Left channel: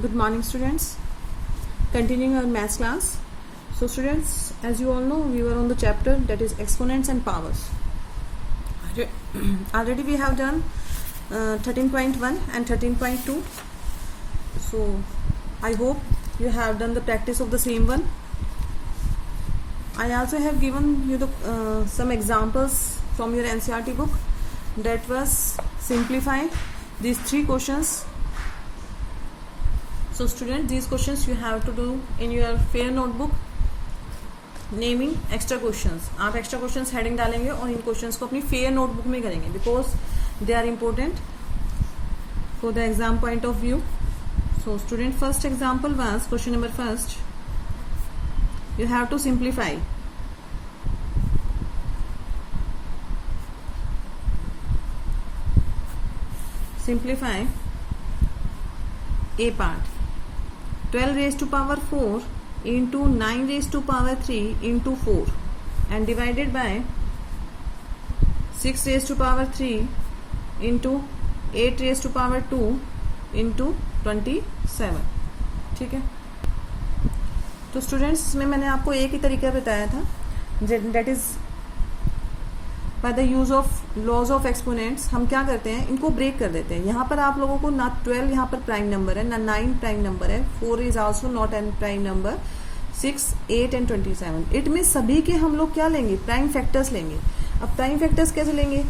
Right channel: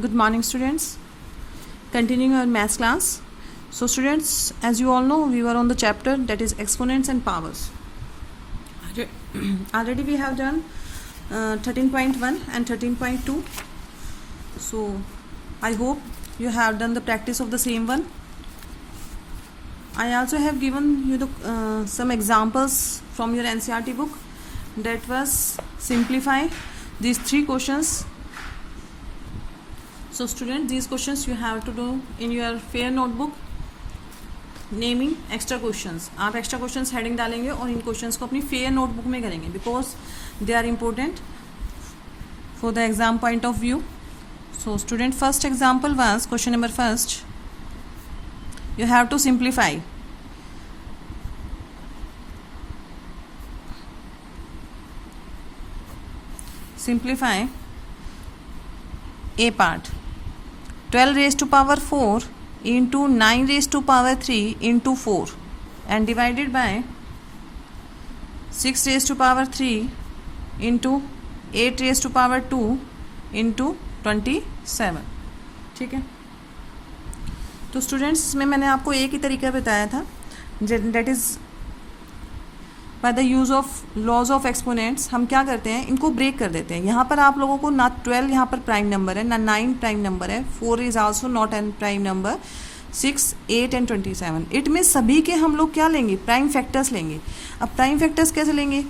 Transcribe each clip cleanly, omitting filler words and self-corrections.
Good morning, students. Continuing our maths class. So students, as you all know, we were on the chapter that is exponents and powers. Already we have done 13.1 and 13.2. So I hope you have done the practice of the same one. I also have given you the some examples from your NCERT book. That was simplify these three questions. So students, these questions you have to do in your fair notebook. Naming extra questions, आप extra questions heading डालेंगे और इन questions को अपनी fair notebook में करेंगे because they are important for the exam point of view. So student, first example was question number first. You have to simplify. Simplify a part. 12 raised to power 4 into 9 raised to power 3 into 4 and divided by 6 raised to power 3 into 8 raised to power 2 into 27. ठीक है. तो students, इसमें मैंने आपको एक ही तरीका बताया था, that is by the use of laws of exponents. हम क्या करते हैं, इनको ब्रेक कर देते हैं. यहाँ पर आप लोगों को ना 12 यहाँ पर प्राइम नंबर है, ना 9 प्राइम नंबर है, 4 is also not an prime number, 6, 8 and 27. It means सभी के हम लोग क्या लेंगे, प्राइम फैक्टर्स लेंगे. अब प्राइम फैक्टर्स कैसे लेंगे,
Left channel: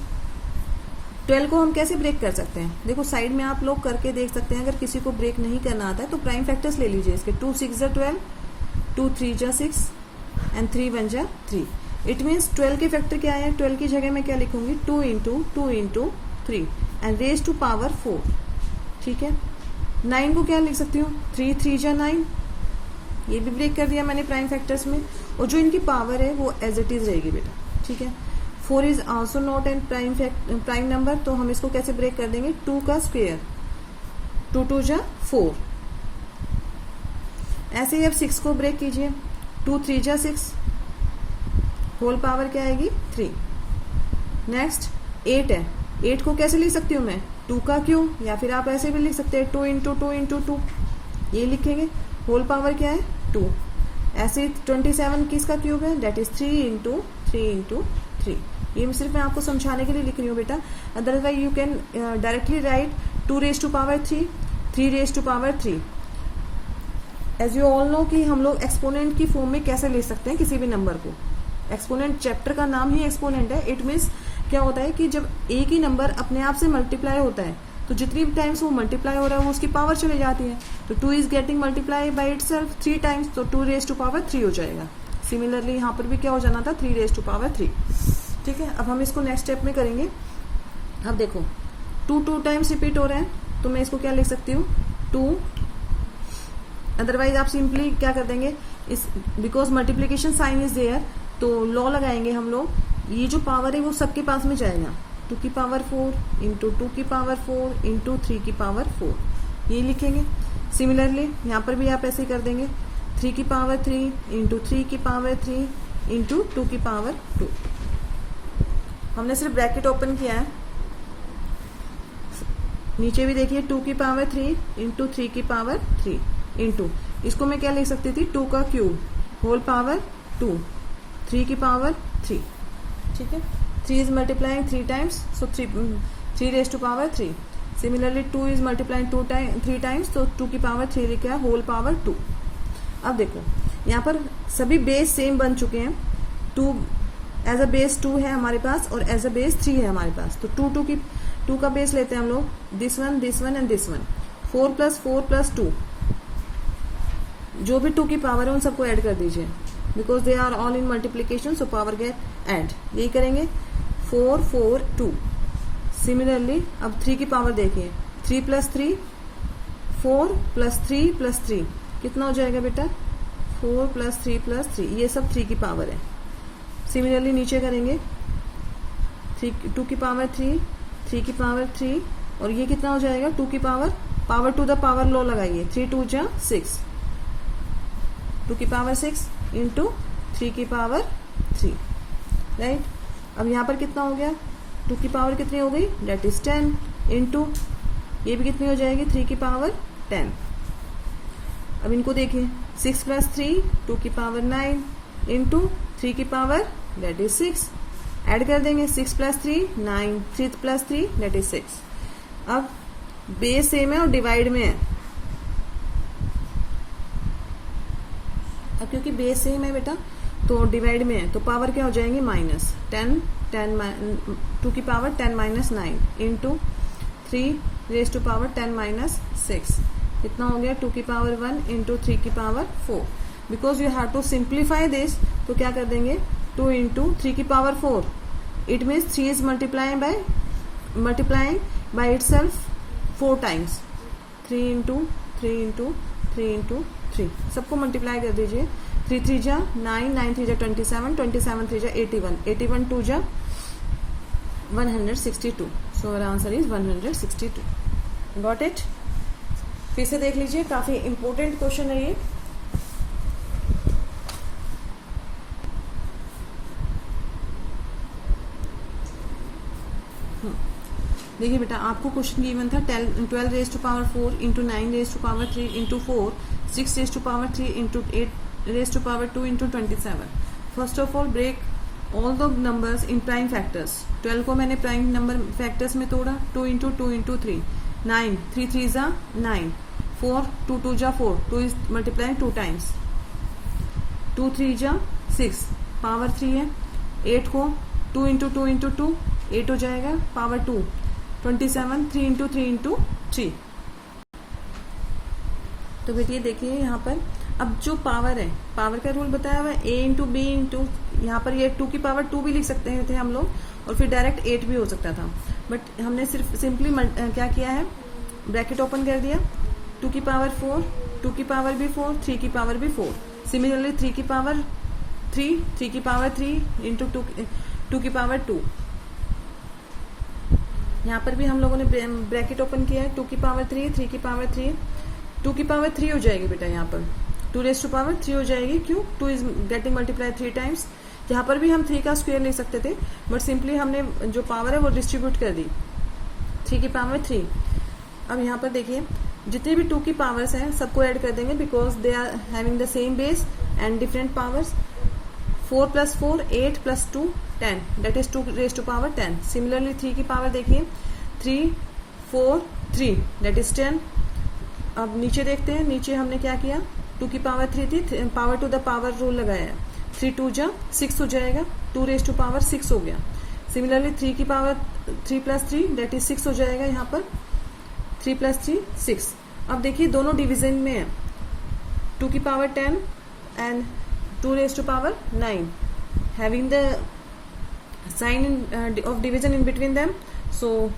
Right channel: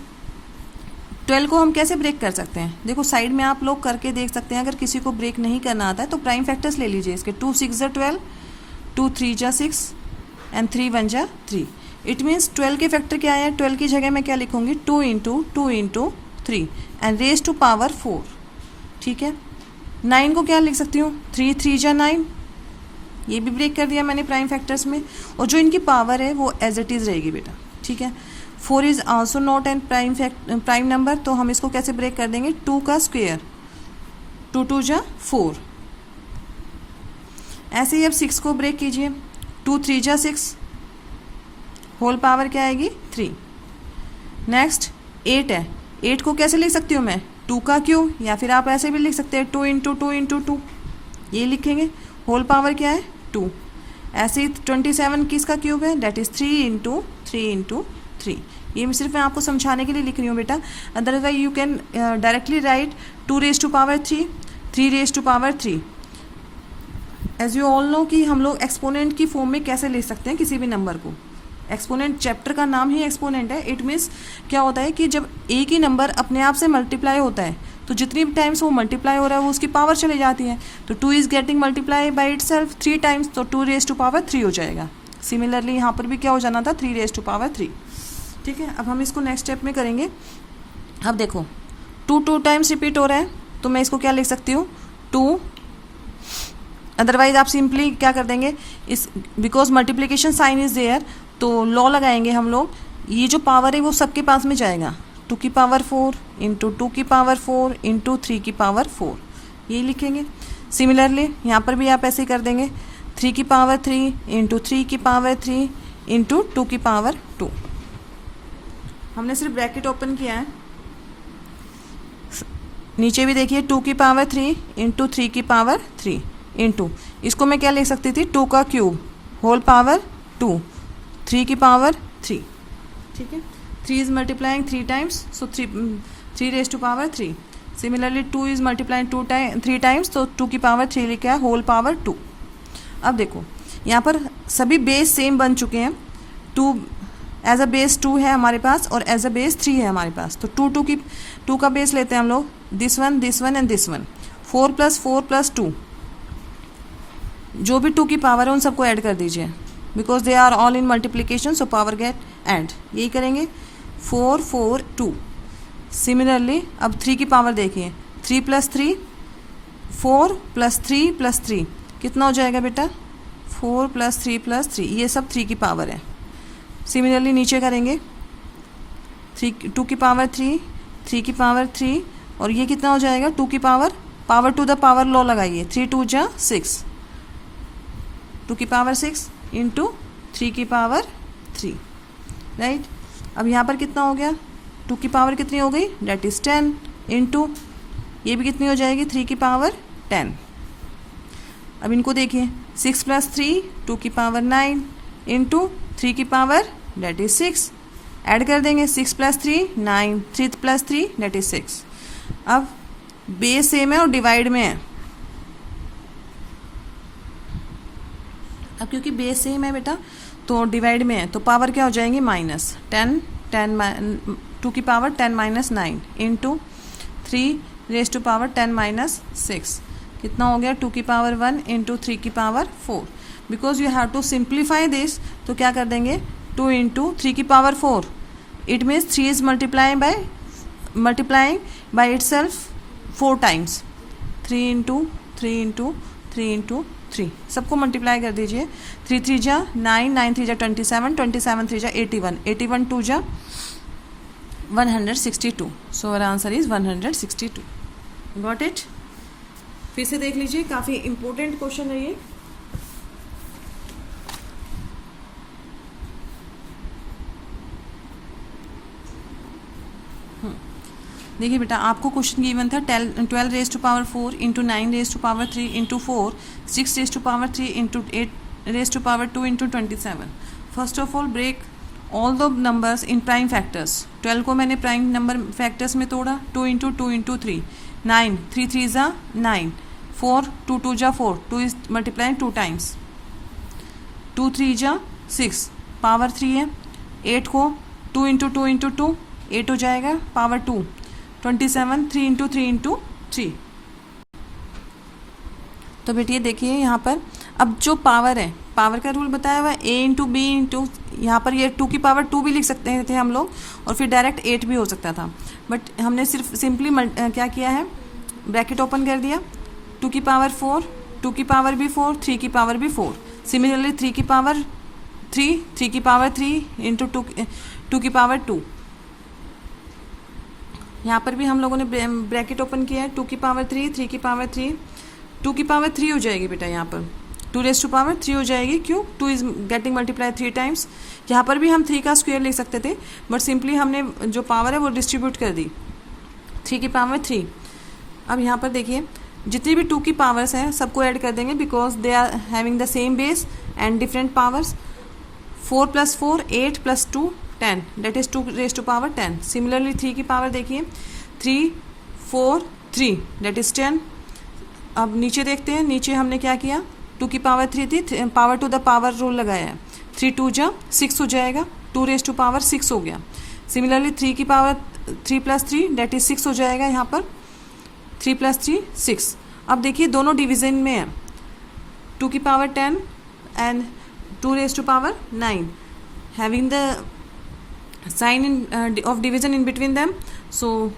12 को हम कैसे ब्रेक कर सकते हैं. देखो साइड में आप लोग करके देख सकते हैं. अगर किसी को ब्रेक नहीं करना आता है तो प्राइम फैक्टर्स ले लीजिए इसके. 2 6 = 12, 2 3 = 6 एंड 3 1 = 3. इट मीन्स 12 के फैक्टर क्या है, 12 की जगह मैं क्या लिखूंगी, 2 × 3 एंड रेज टू पावर 4. ठीक है. 9 को क्या लिख सकती हूँ, 3 3 = 9. ये भी ब्रेक कर दिया मैंने प्राइम फैक्टर्स में. और जो इनकी पावर है वो एज इट इज़ रहेगी बेटा. ठीक है. 4 is also not an prime number, तो हम इसको कैसे ब्रेक कर देंगे, 2 का स्क्वायर, 2 2 = 4. ऐसे ही अब 6 को ब्रेक कीजिए, 2 3 = 6, होल पावर क्या आएगी, 3. नेक्स्ट 8 है. 8 को कैसे लिख सकती हूँ मैं, 2 का क्यूब, या फिर आप ऐसे भी लिख सकते हैं 2 × 2 × 2. ये लिखेंगे. होल पावर क्या है, 2. ऐसे ही 27 किसका क्यूब है, डेट इज़ 3 × 3 × 3. ये सिर्फ मैं आपको समझाने के लिए लिख रही हूँ बेटा. Otherwise you can directly right 2 raised to power 3, 3 raised to power 3. As you all know कि हम लोग एक्सपोनेंट की फॉर्म में कैसे ले सकते हैं किसी भी नंबर को. एक्सपोनेंट चैप्टर का नाम ही एक्सपोनेंट है. इट मीन्स क्या होता है कि जब एक ही नंबर अपने आप से मल्टीप्लाई होता है तो जितनी टाइम्स वो मल्टीप्लाई हो रहा है वो उसकी पावर चली जाती है. तो 2 is getting multiply by it self 3 times, तो 2 raised to power 3 हो जाएगा. सिमिलरली यहाँ पर भी क्या हो जाना था, 3 raised to power 3. ठीक है. अब हम इसको नेक्स्ट स्टेप में करेंगे. अब देखो 2 टाइम्स रिपीट हो रहा है, तो मैं इसको क्या लिख सकती हूँ, 2. अदरवाइज आप सिंपली क्या कर देंगे, इस because multiplication sign is there, तो लॉ लगाएंगे हम लोग. ये जो पावर है वो सबके पास में जाएगा, 2 की पावर 4 × 2 की पावर 4 × 3 की पावर 4. ये लिखेंगे. सिमिलरली यहाँ पर भी आप ऐसे ही कर देंगे, 3 की पावर 3 × 3 की पावर 3 × 2 की पावर 2. हमने सिर्फ ब्रैकेट ओपन किया है. नीचे भी देखिए 2 की पावर 3 × 3 की पावर 3 × इसको मैं क्या लिख सकती थी, 2 का क्यूब, होल पावर 2, 3 की पावर 3. ठीक है. 3 is multiplying 3 times, so 3 raised to power 3. Similarly 2 is multiplying 3 times, तो 2 की पावर 3 लिखा है, होल पावर 2. अब देखो यहाँ पर सभी बेस सेम बन चुके हैं. 2 एज अ बेस 2 है हमारे पास और एज अ बेस 3 है हमारे पास. तो 2 का बेस लेते हैं हम लोग, this one and this one. 4 + 4 + 2, जो भी 2 की पावर है उन सबको ऐड कर दीजिए because they are all in multiplication, so power get add. यही करेंगे. 4 4 2. सिमिलरली अब 3 की पावर देखिए, 3 + 3, 4 + 3 + 3 कितना हो जाएगा बेटा, 4 + 3 + 3. ये सब 3 की पावर है. सिमिलरली नीचे करेंगे, 2 की पावर 3, 3 की पावर 3, और ये कितना हो जाएगा, 2 की power to the power law लगाइए, 3 2 = 6, 2 की पावर 6 × 3 की पावर 3. राइट. अब यहाँ पर कितना हो गया, 2 की पावर कितनी हो गई, डेट इज़ 10 × ये भी कितनी हो जाएगी, 3 की पावर 10. अब इनको देखिए, 6 + 3 2 की पावर 9 इंटू 3 की पावर दैट इज 6, ऐड कर देंगे 6 + 3 9, 3 + 3 दैट इज 6। अब बेस सेम है और डिवाइड में है, अब क्योंकि बेस सेम है बेटा तो डिवाइड में है, तो पावर क्या हो जाएंगी माइनस 10 2 की power 10 - 9 into 3 raise to power 10 - 6, कितना हो गया 2 की पावर 1 इंटू 3 की power 4। Because you have to simplify this, तो क्या कर देंगे 2 इंटू 3 की power 4, it means 3 is multiplying by itself 4 times, 3 into 3 into 3 into 3, सबको मल्टीप्लाई कर दीजिए। 3 3 जा 9, 9 3 जा 27, 27 3 जा 81, 81 2 जा 162, so our answer is 162। Got it? फिर से देख लीजिए, काफ़ी इंपॉर्टेंट क्वेश्चन है ये। देखिए बेटा, आपको क्वेश्चन गिवन था 12 raise to power 4 into 9 raise to power 3 into 4, 6 raise to power 3 into 8 raise to power 2 into 27। First of all break all the numbers in prime factors. 12 को मैंने प्राइम नंबर फैक्टर्स में तोड़ा, 2 into 2 into 3, 9 3 3 जा 9, 4 2 2 जा 4, 2 is multiplying 2 times, 2 3 जा 6 power 3 है, 8 को 2 into 2 into 2 8 हो जाएगा पावर 2, 27 3 इंटू 3 इंटू 3। तो बेटिए देखिए यहाँ पर अब जो पावर है, पावर का रूल बताया हुआ है a इंटू बी इंटू, यहाँ पर ये 2 की पावर 2 भी लिख सकते थे हम लोग, और फिर डायरेक्ट 8 भी हो सकता था, बट हमने सिर्फ सिंपली क्या किया है, ब्रैकेट ओपन कर दिया, 2 की पावर 4, 2 की पावर भी 4, 3 की पावर भी 4, सिमिलरली 3 की पावर 3, 3 की पावर 3 इंटू 2 की पावर 2। यहाँ पर भी हम लोगों ने ब्रैकेट ओपन किया है, 2 की पावर 3, 3 की पावर 3, 2 की पावर 3 हो जाएगी बेटा, यहाँ पर 2 रेज टू पावर 3 हो जाएगी, क्यों 2 इज गेटिंग मल्टीप्लाई 3 टाइम्स। यहाँ पर भी हम 3 का स्क्वायर लिख सकते थे, बट सिंपली हमने जो पावर है वो डिस्ट्रीब्यूट कर दी, 3 की पावर 3। अब यहाँ पर देखिए जितनी भी 2 की पावर्स हैं सबको ऐड कर देंगे, because they are having the same base and different powers. 4 + 4 8 + 2 10, that is 2 raised to power 10। Similarly 3 की पावर देखिए, 3 4 3 that is 10। अब नीचे देखते हैं, नीचे हमने क्या किया, 2 की पावर 3 थी, power to the power rule लगाया है, 3 2 जा 6 हो जाएगा, 2 रेज टू पावर 6 हो गया। सिमिलरली 3 की पावर 3 + 3 that is 6 हो जाएगा, यहाँ पर 3 + 3 6। अब देखिए दोनों डिवीजन में है, 2 की power 10 and 2 raise to power 9, having the sign of division in between them, so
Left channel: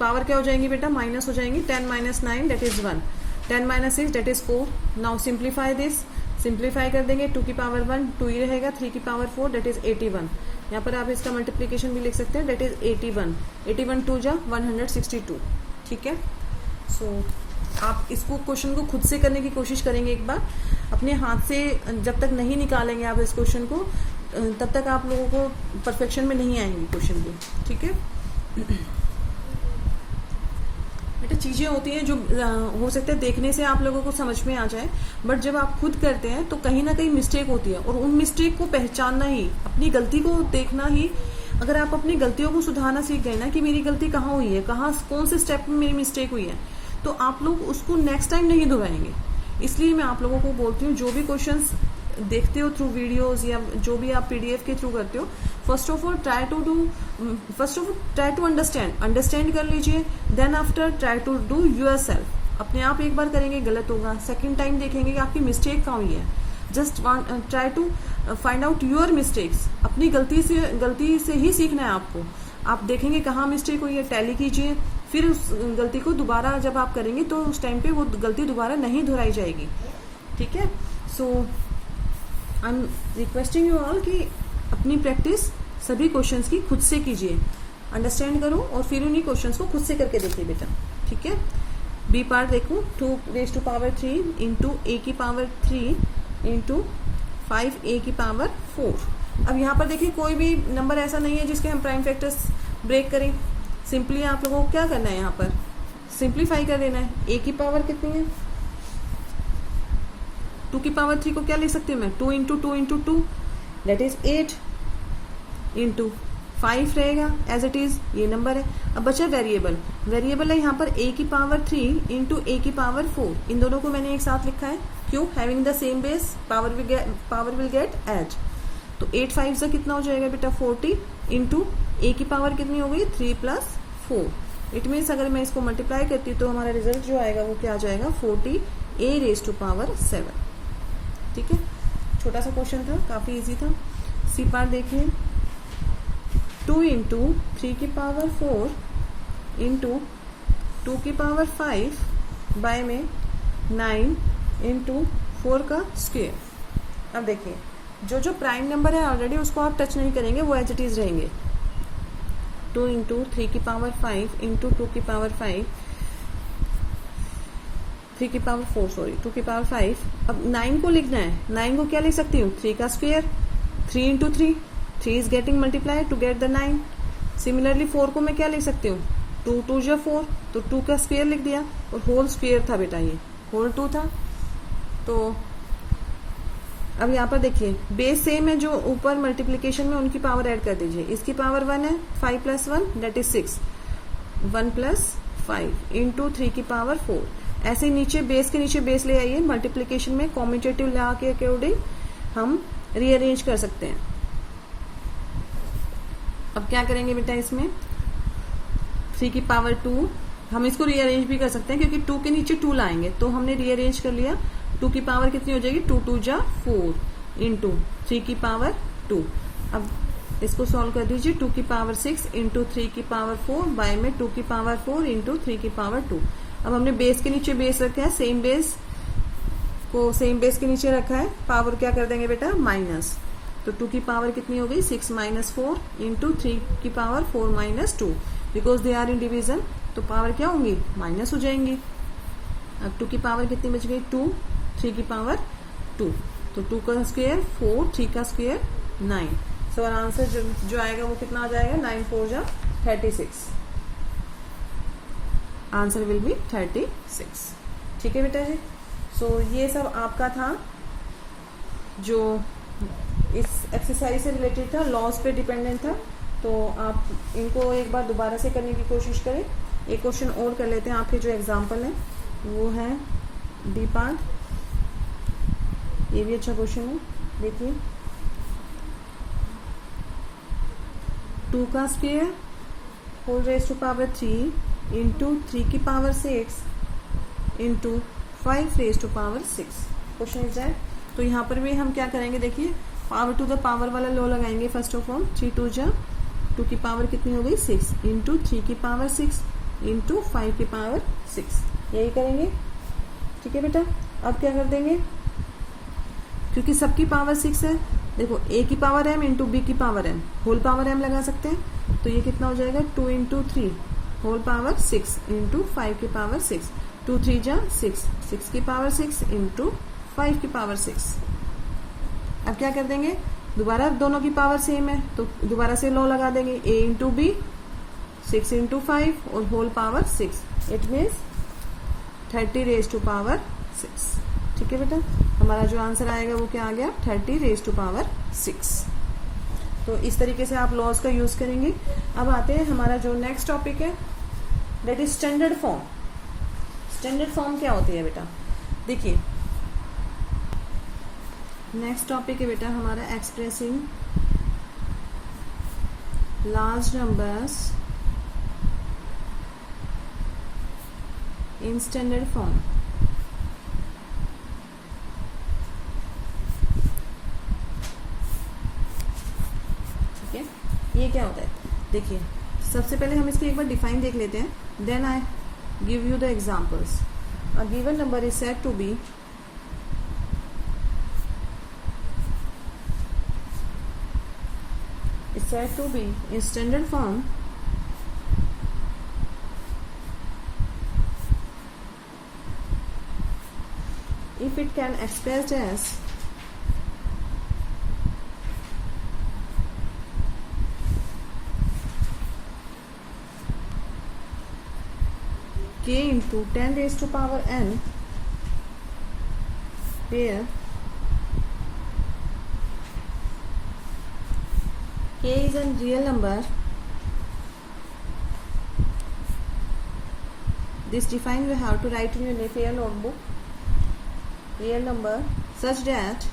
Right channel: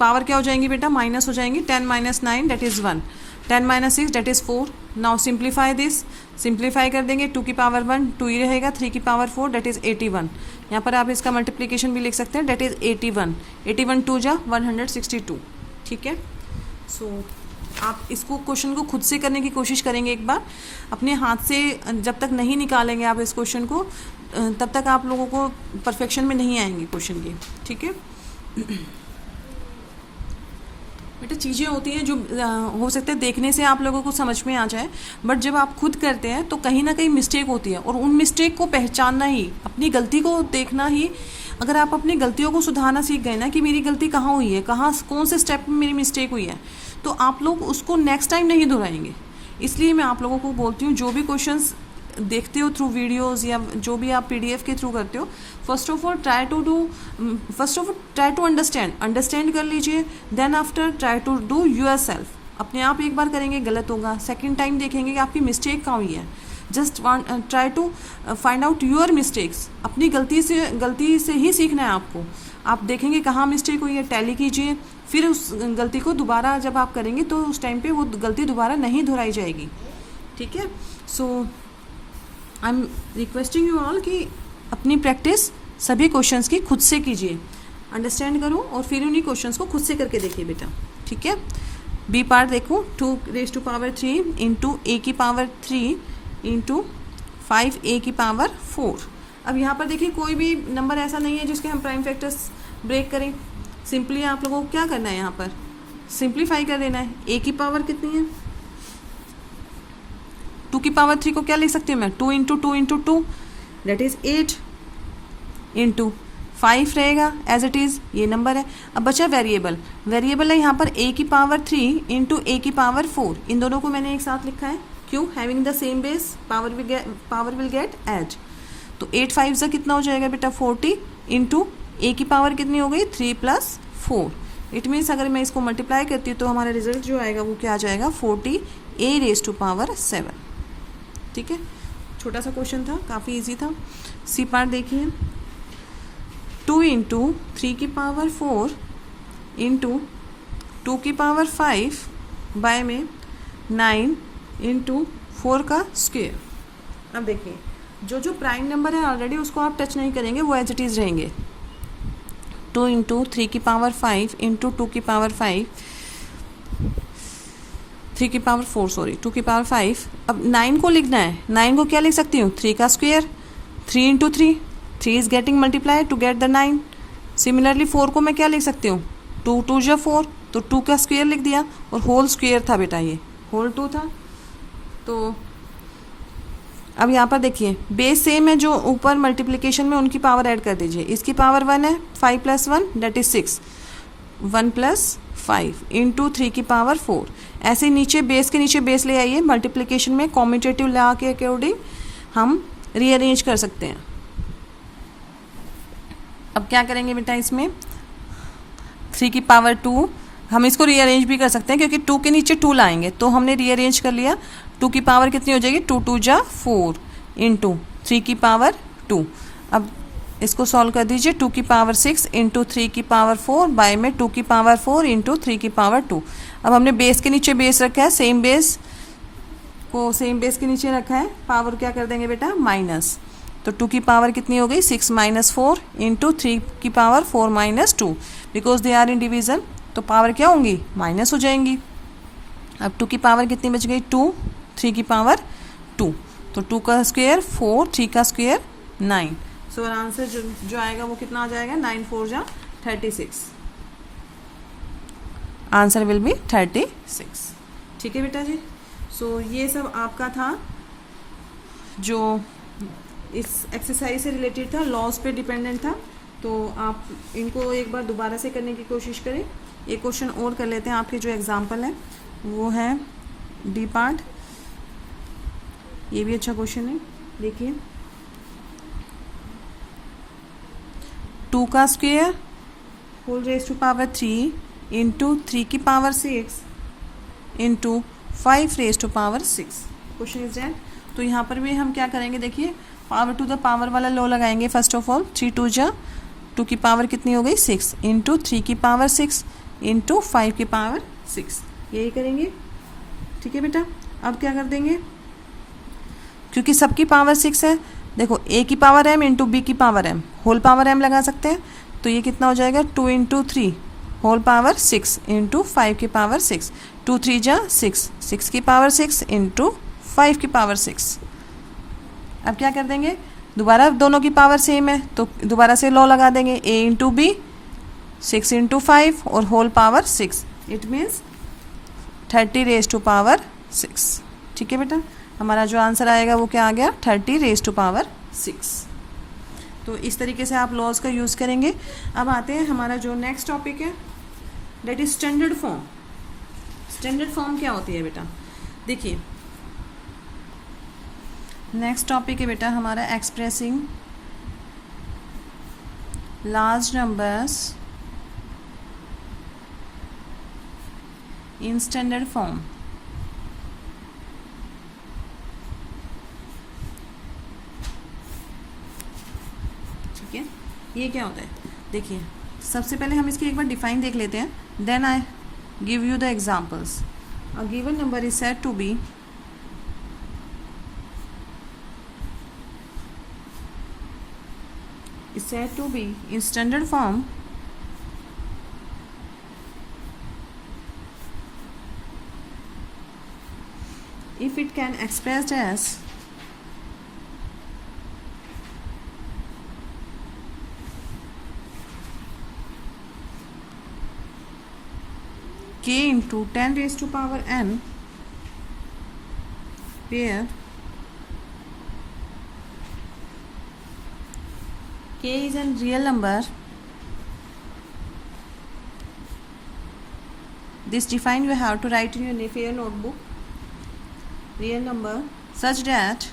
power क्या हो जाएंगी बेटा, माइनस हो जाएंगी, 10 - 9 that is 1, 10 - 6 that is 4। Now simplify this, simplify कर देंगे, 2 की पावर 1 2 ही रहेगा, 3 की पावर 4 दैट इज़ 81। यहाँ पर आप इसका मल्टीप्लिकेशन भी लिख सकते हैं, दैट इज़ 81, 81 2 जा 162। ठीक है, सो आप इसको क्वेश्चन को खुद से करने की कोशिश करेंगे एक बार, अपने हाथ से जब तक नहीं निकालेंगे आप इस क्वेश्चन को, तब तक आप लोगों को परफेक्शन में नहीं आएंगे क्वेश्चन की। ठीक है बेटा, चीज़ें होती हैं जो हो सकता है देखने से आप लोगों को समझ में आ जाए, बट जब आप खुद करते हैं तो कहीं ना कहीं मिस्टेक होती है, और उन मिस्टेक को पहचानना ही, अपनी गलती को देखना ही, अगर आप अपनी गलतियों को सुधारना सीख गए ना कि मेरी गलती कहाँ हुई है, कहाँ कौन से स्टेप में मेरी मिस्टेक हुई है, तो आप लोग उसको नेक्स्ट टाइम नहीं दोहराएंगे। इसलिए मैं आप लोगों को बोलती हूँ, जो भी क्वेश्चंस देखते हो थ्रू वीडियोस या जो भी आप PDF के थ्रू करते हो, first of all try to understand कर लीजिए, then after try to do yourself. अपने आप एक बार करेंगे गलत होगा, सेकंड टाइम देखेंगे कि आपकी मिस्टेक कहाँ हुई है, just try to find out your mistakes. अपनी गलती से ही सीखना है आपको। आप देखेंगे कहाँ मिस्टेक हुई है, टैली कीजिए, फिर उस गलती को दोबारा जब आप करेंगे तो उस टाइम पे वो गलती दोबारा नहीं दोहराई जाएगी। ठीक है, so I am requesting you all कि अपनी प्रैक्टिस सभी क्वेश्चंस की खुद से कीजिए, अंडरस्टैंड करो और फिर उन्हीं क्वेश्चंस को खुद से करके देखिए बेटा। ठीक है, बी पार्ट देखो, 2 रेज टू पावर 3 इंटू ए की पावर 3 इंटू 5a की पावर 4। अब यहाँ पर देखिए कोई भी नंबर ऐसा नहीं है जिसके हम प्राइम फैक्टर्स ब्रेक करें। सिंपली आप लोगों को क्या करना है, यहाँ पर सिंप्लीफाई कर देना है। a की पावर कितनी है, 2 की पावर 3 को क्या लिख सकती हूँ मैं, 2 into 2 into 2 that is 8 into 5 रहेगा एज इट इज़, ये नंबर है। अब बचा वेरिएबल, वेरिएबल है यहाँ पर a की पावर 3 इंटू a की पावर 4, इन दोनों को मैंने एक साथ लिखा है, क्यों, having the same base power will get add. तो 8 5 से कितना हो जाएगा बेटा 40 इंटू a की पावर कितनी हो गई 3 प्लस 4, इट मीन्स अगर मैं इसको मल्टीप्लाई करती हूँ तो हमारा रिजल्ट जो आएगा वो क्या आ जाएगा 40 a रेज टू पावर 7। ठीक है, छोटा सा क्वेश्चन था, काफ़ी इजी था। सी पार्ट देखिए, 2 इंटू 3 की पावर 4 इंटू 2 की पावर 5 बाय में 9 इंटू 4 का स्क्वेयर। अब देखिए जो प्राइम नंबर है ऑलरेडी उसको आप टच नहीं करेंगे, वो एज इट इज़ रहेंगे। 2 इंटू 3 की पावर 5 इंटू 2 की पावर 5, 3 की पावर 4 सॉरी 2 की पावर 5। अब 9 को लिखना है, 9 को क्या लिख सकती हूँ 3 का square, 3 into 3 is getting multiply to get the 9। Similarly 4 को मैं क्या लिख सकती हूँ 2 2 जा 4, तो 2 का स्क्वेयर लिख दिया, और होल स्क्वेयर था बेटा, ये होल 2 था। तो अब यहाँ पर देखिए बेस सेम है, जो ऊपर मल्टीप्लिकेशन में उनकी पावर ऐड कर दीजिए। इसकी पावर 1 है, 5 plus 1 that is 6, 1 plus 5 into 3 की पावर 4। ऐसे नीचे बेस के नीचे बेस ले आइए, मल्टीप्लिकेशन में कॉम्यूटेटिव लॉ के अकॉर्डिंग हम रीअरेंज कर सकते हैं। अब क्या करेंगे बेटा, इसमें 3 की पावर 2, हम इसको रीअरेंज भी कर सकते हैं क्योंकि 2 के नीचे 2 लाएंगे, तो हमने रीअरेंज कर लिया। 2 की पावर कितनी हो जाएगी 2 2 जा 4 इंटू 3 की पावर 2। अब इसको सॉल्व कर दीजिए, 2 की पावर 6 इंटू 3 की पावर 4 बाय में 2 की पावर 4 इंटू 3 की पावर 2। अब हमने बेस के नीचे बेस रखा है, सेम बेस को सेम बेस के नीचे रखा है, पावर क्या कर देंगे बेटा माइनस। तो 2 की पावर कितनी हो गई 6 माइनस 4 इंटू 3 की power 4 minus 2, because they are in division, तो पावर क्या होंगी माइनस हो जाएंगी। अब 2 की पावर कितनी बच गई 2, 3 की पावर 2, तो 2 का स्क्वेयर 4, 3 का स्क्वेयर 9। सो आंसर जो आएगा वो कितना आ जाएगा 9 4 जा 36, आंसर विल बी 36। ठीक है बेटा जी। सो ये सब आपका था जो इस एक्सरसाइज से रिलेटेड था, लॉज पे डिपेंडेंट था। तो आप इनको एक बार दोबारा से करने की कोशिश करें। एक क्वेश्चन और कर लेते हैं, आपके जो एग्जाम्पल है वो है डी पार्ट, ये भी अच्छा क्वेश्चन है। देखिए 2 का square whole raise to power 3 into 3 की power 6 into 5 raise to power 6, question is that. तो यहाँ पर भी हम क्या करेंगे, देखिए पावर टू द पावर वाला लॉ लगाएंगे। फर्स्ट ऑफ ऑल 3 2 जा 2 की पावर कितनी हो गई 6 इंटू 3 की पावर 6 इंटू 5 की पावर 6, यही करेंगे। ठीक है बेटा, अब क्या कर देंगे, क्योंकि सबकी पावर 6 है, देखो a की पावर m इंटू b की power m, whole power m लगा सकते हैं। तो ये कितना हो जाएगा 2 इंटू 3 होल पावर 6 इंटू 5 की पावर 6, 2 3 जा 6, 6 की पावर 6 इंटू 5 की पावर 6। अब क्या कर देंगे, दोबारा दोनों की पावर सेम है तो दोबारा से लॉ लगा देंगे, a इंटू बी 6 इंटू 5 और whole power 6, it means 30 raise to power 6। ठीक है बेटा, हमारा जो आंसर आएगा वो क्या आ गया 30 रेज टू पावर 6। तो इस तरीके से आप लॉज का यूज़ करेंगे। अब आते हैं हमारा जो नेक्स्ट टॉपिक है, that is standard form. Standard form क्या होती है बेटा, देखिए नेक्स्ट टॉपिक है बेटा हमारा expressing large numbers in standard form. ठीक है, ये क्या होता है, देखिए सबसे पहले हम इसकी एक बार डिफाइन देख लेते हैं, then I give you the examples. A given number is said to be in standard form if it can expressed as k into 10 raised to power n where k is a real number, this define you have to write in your notebook, real number such that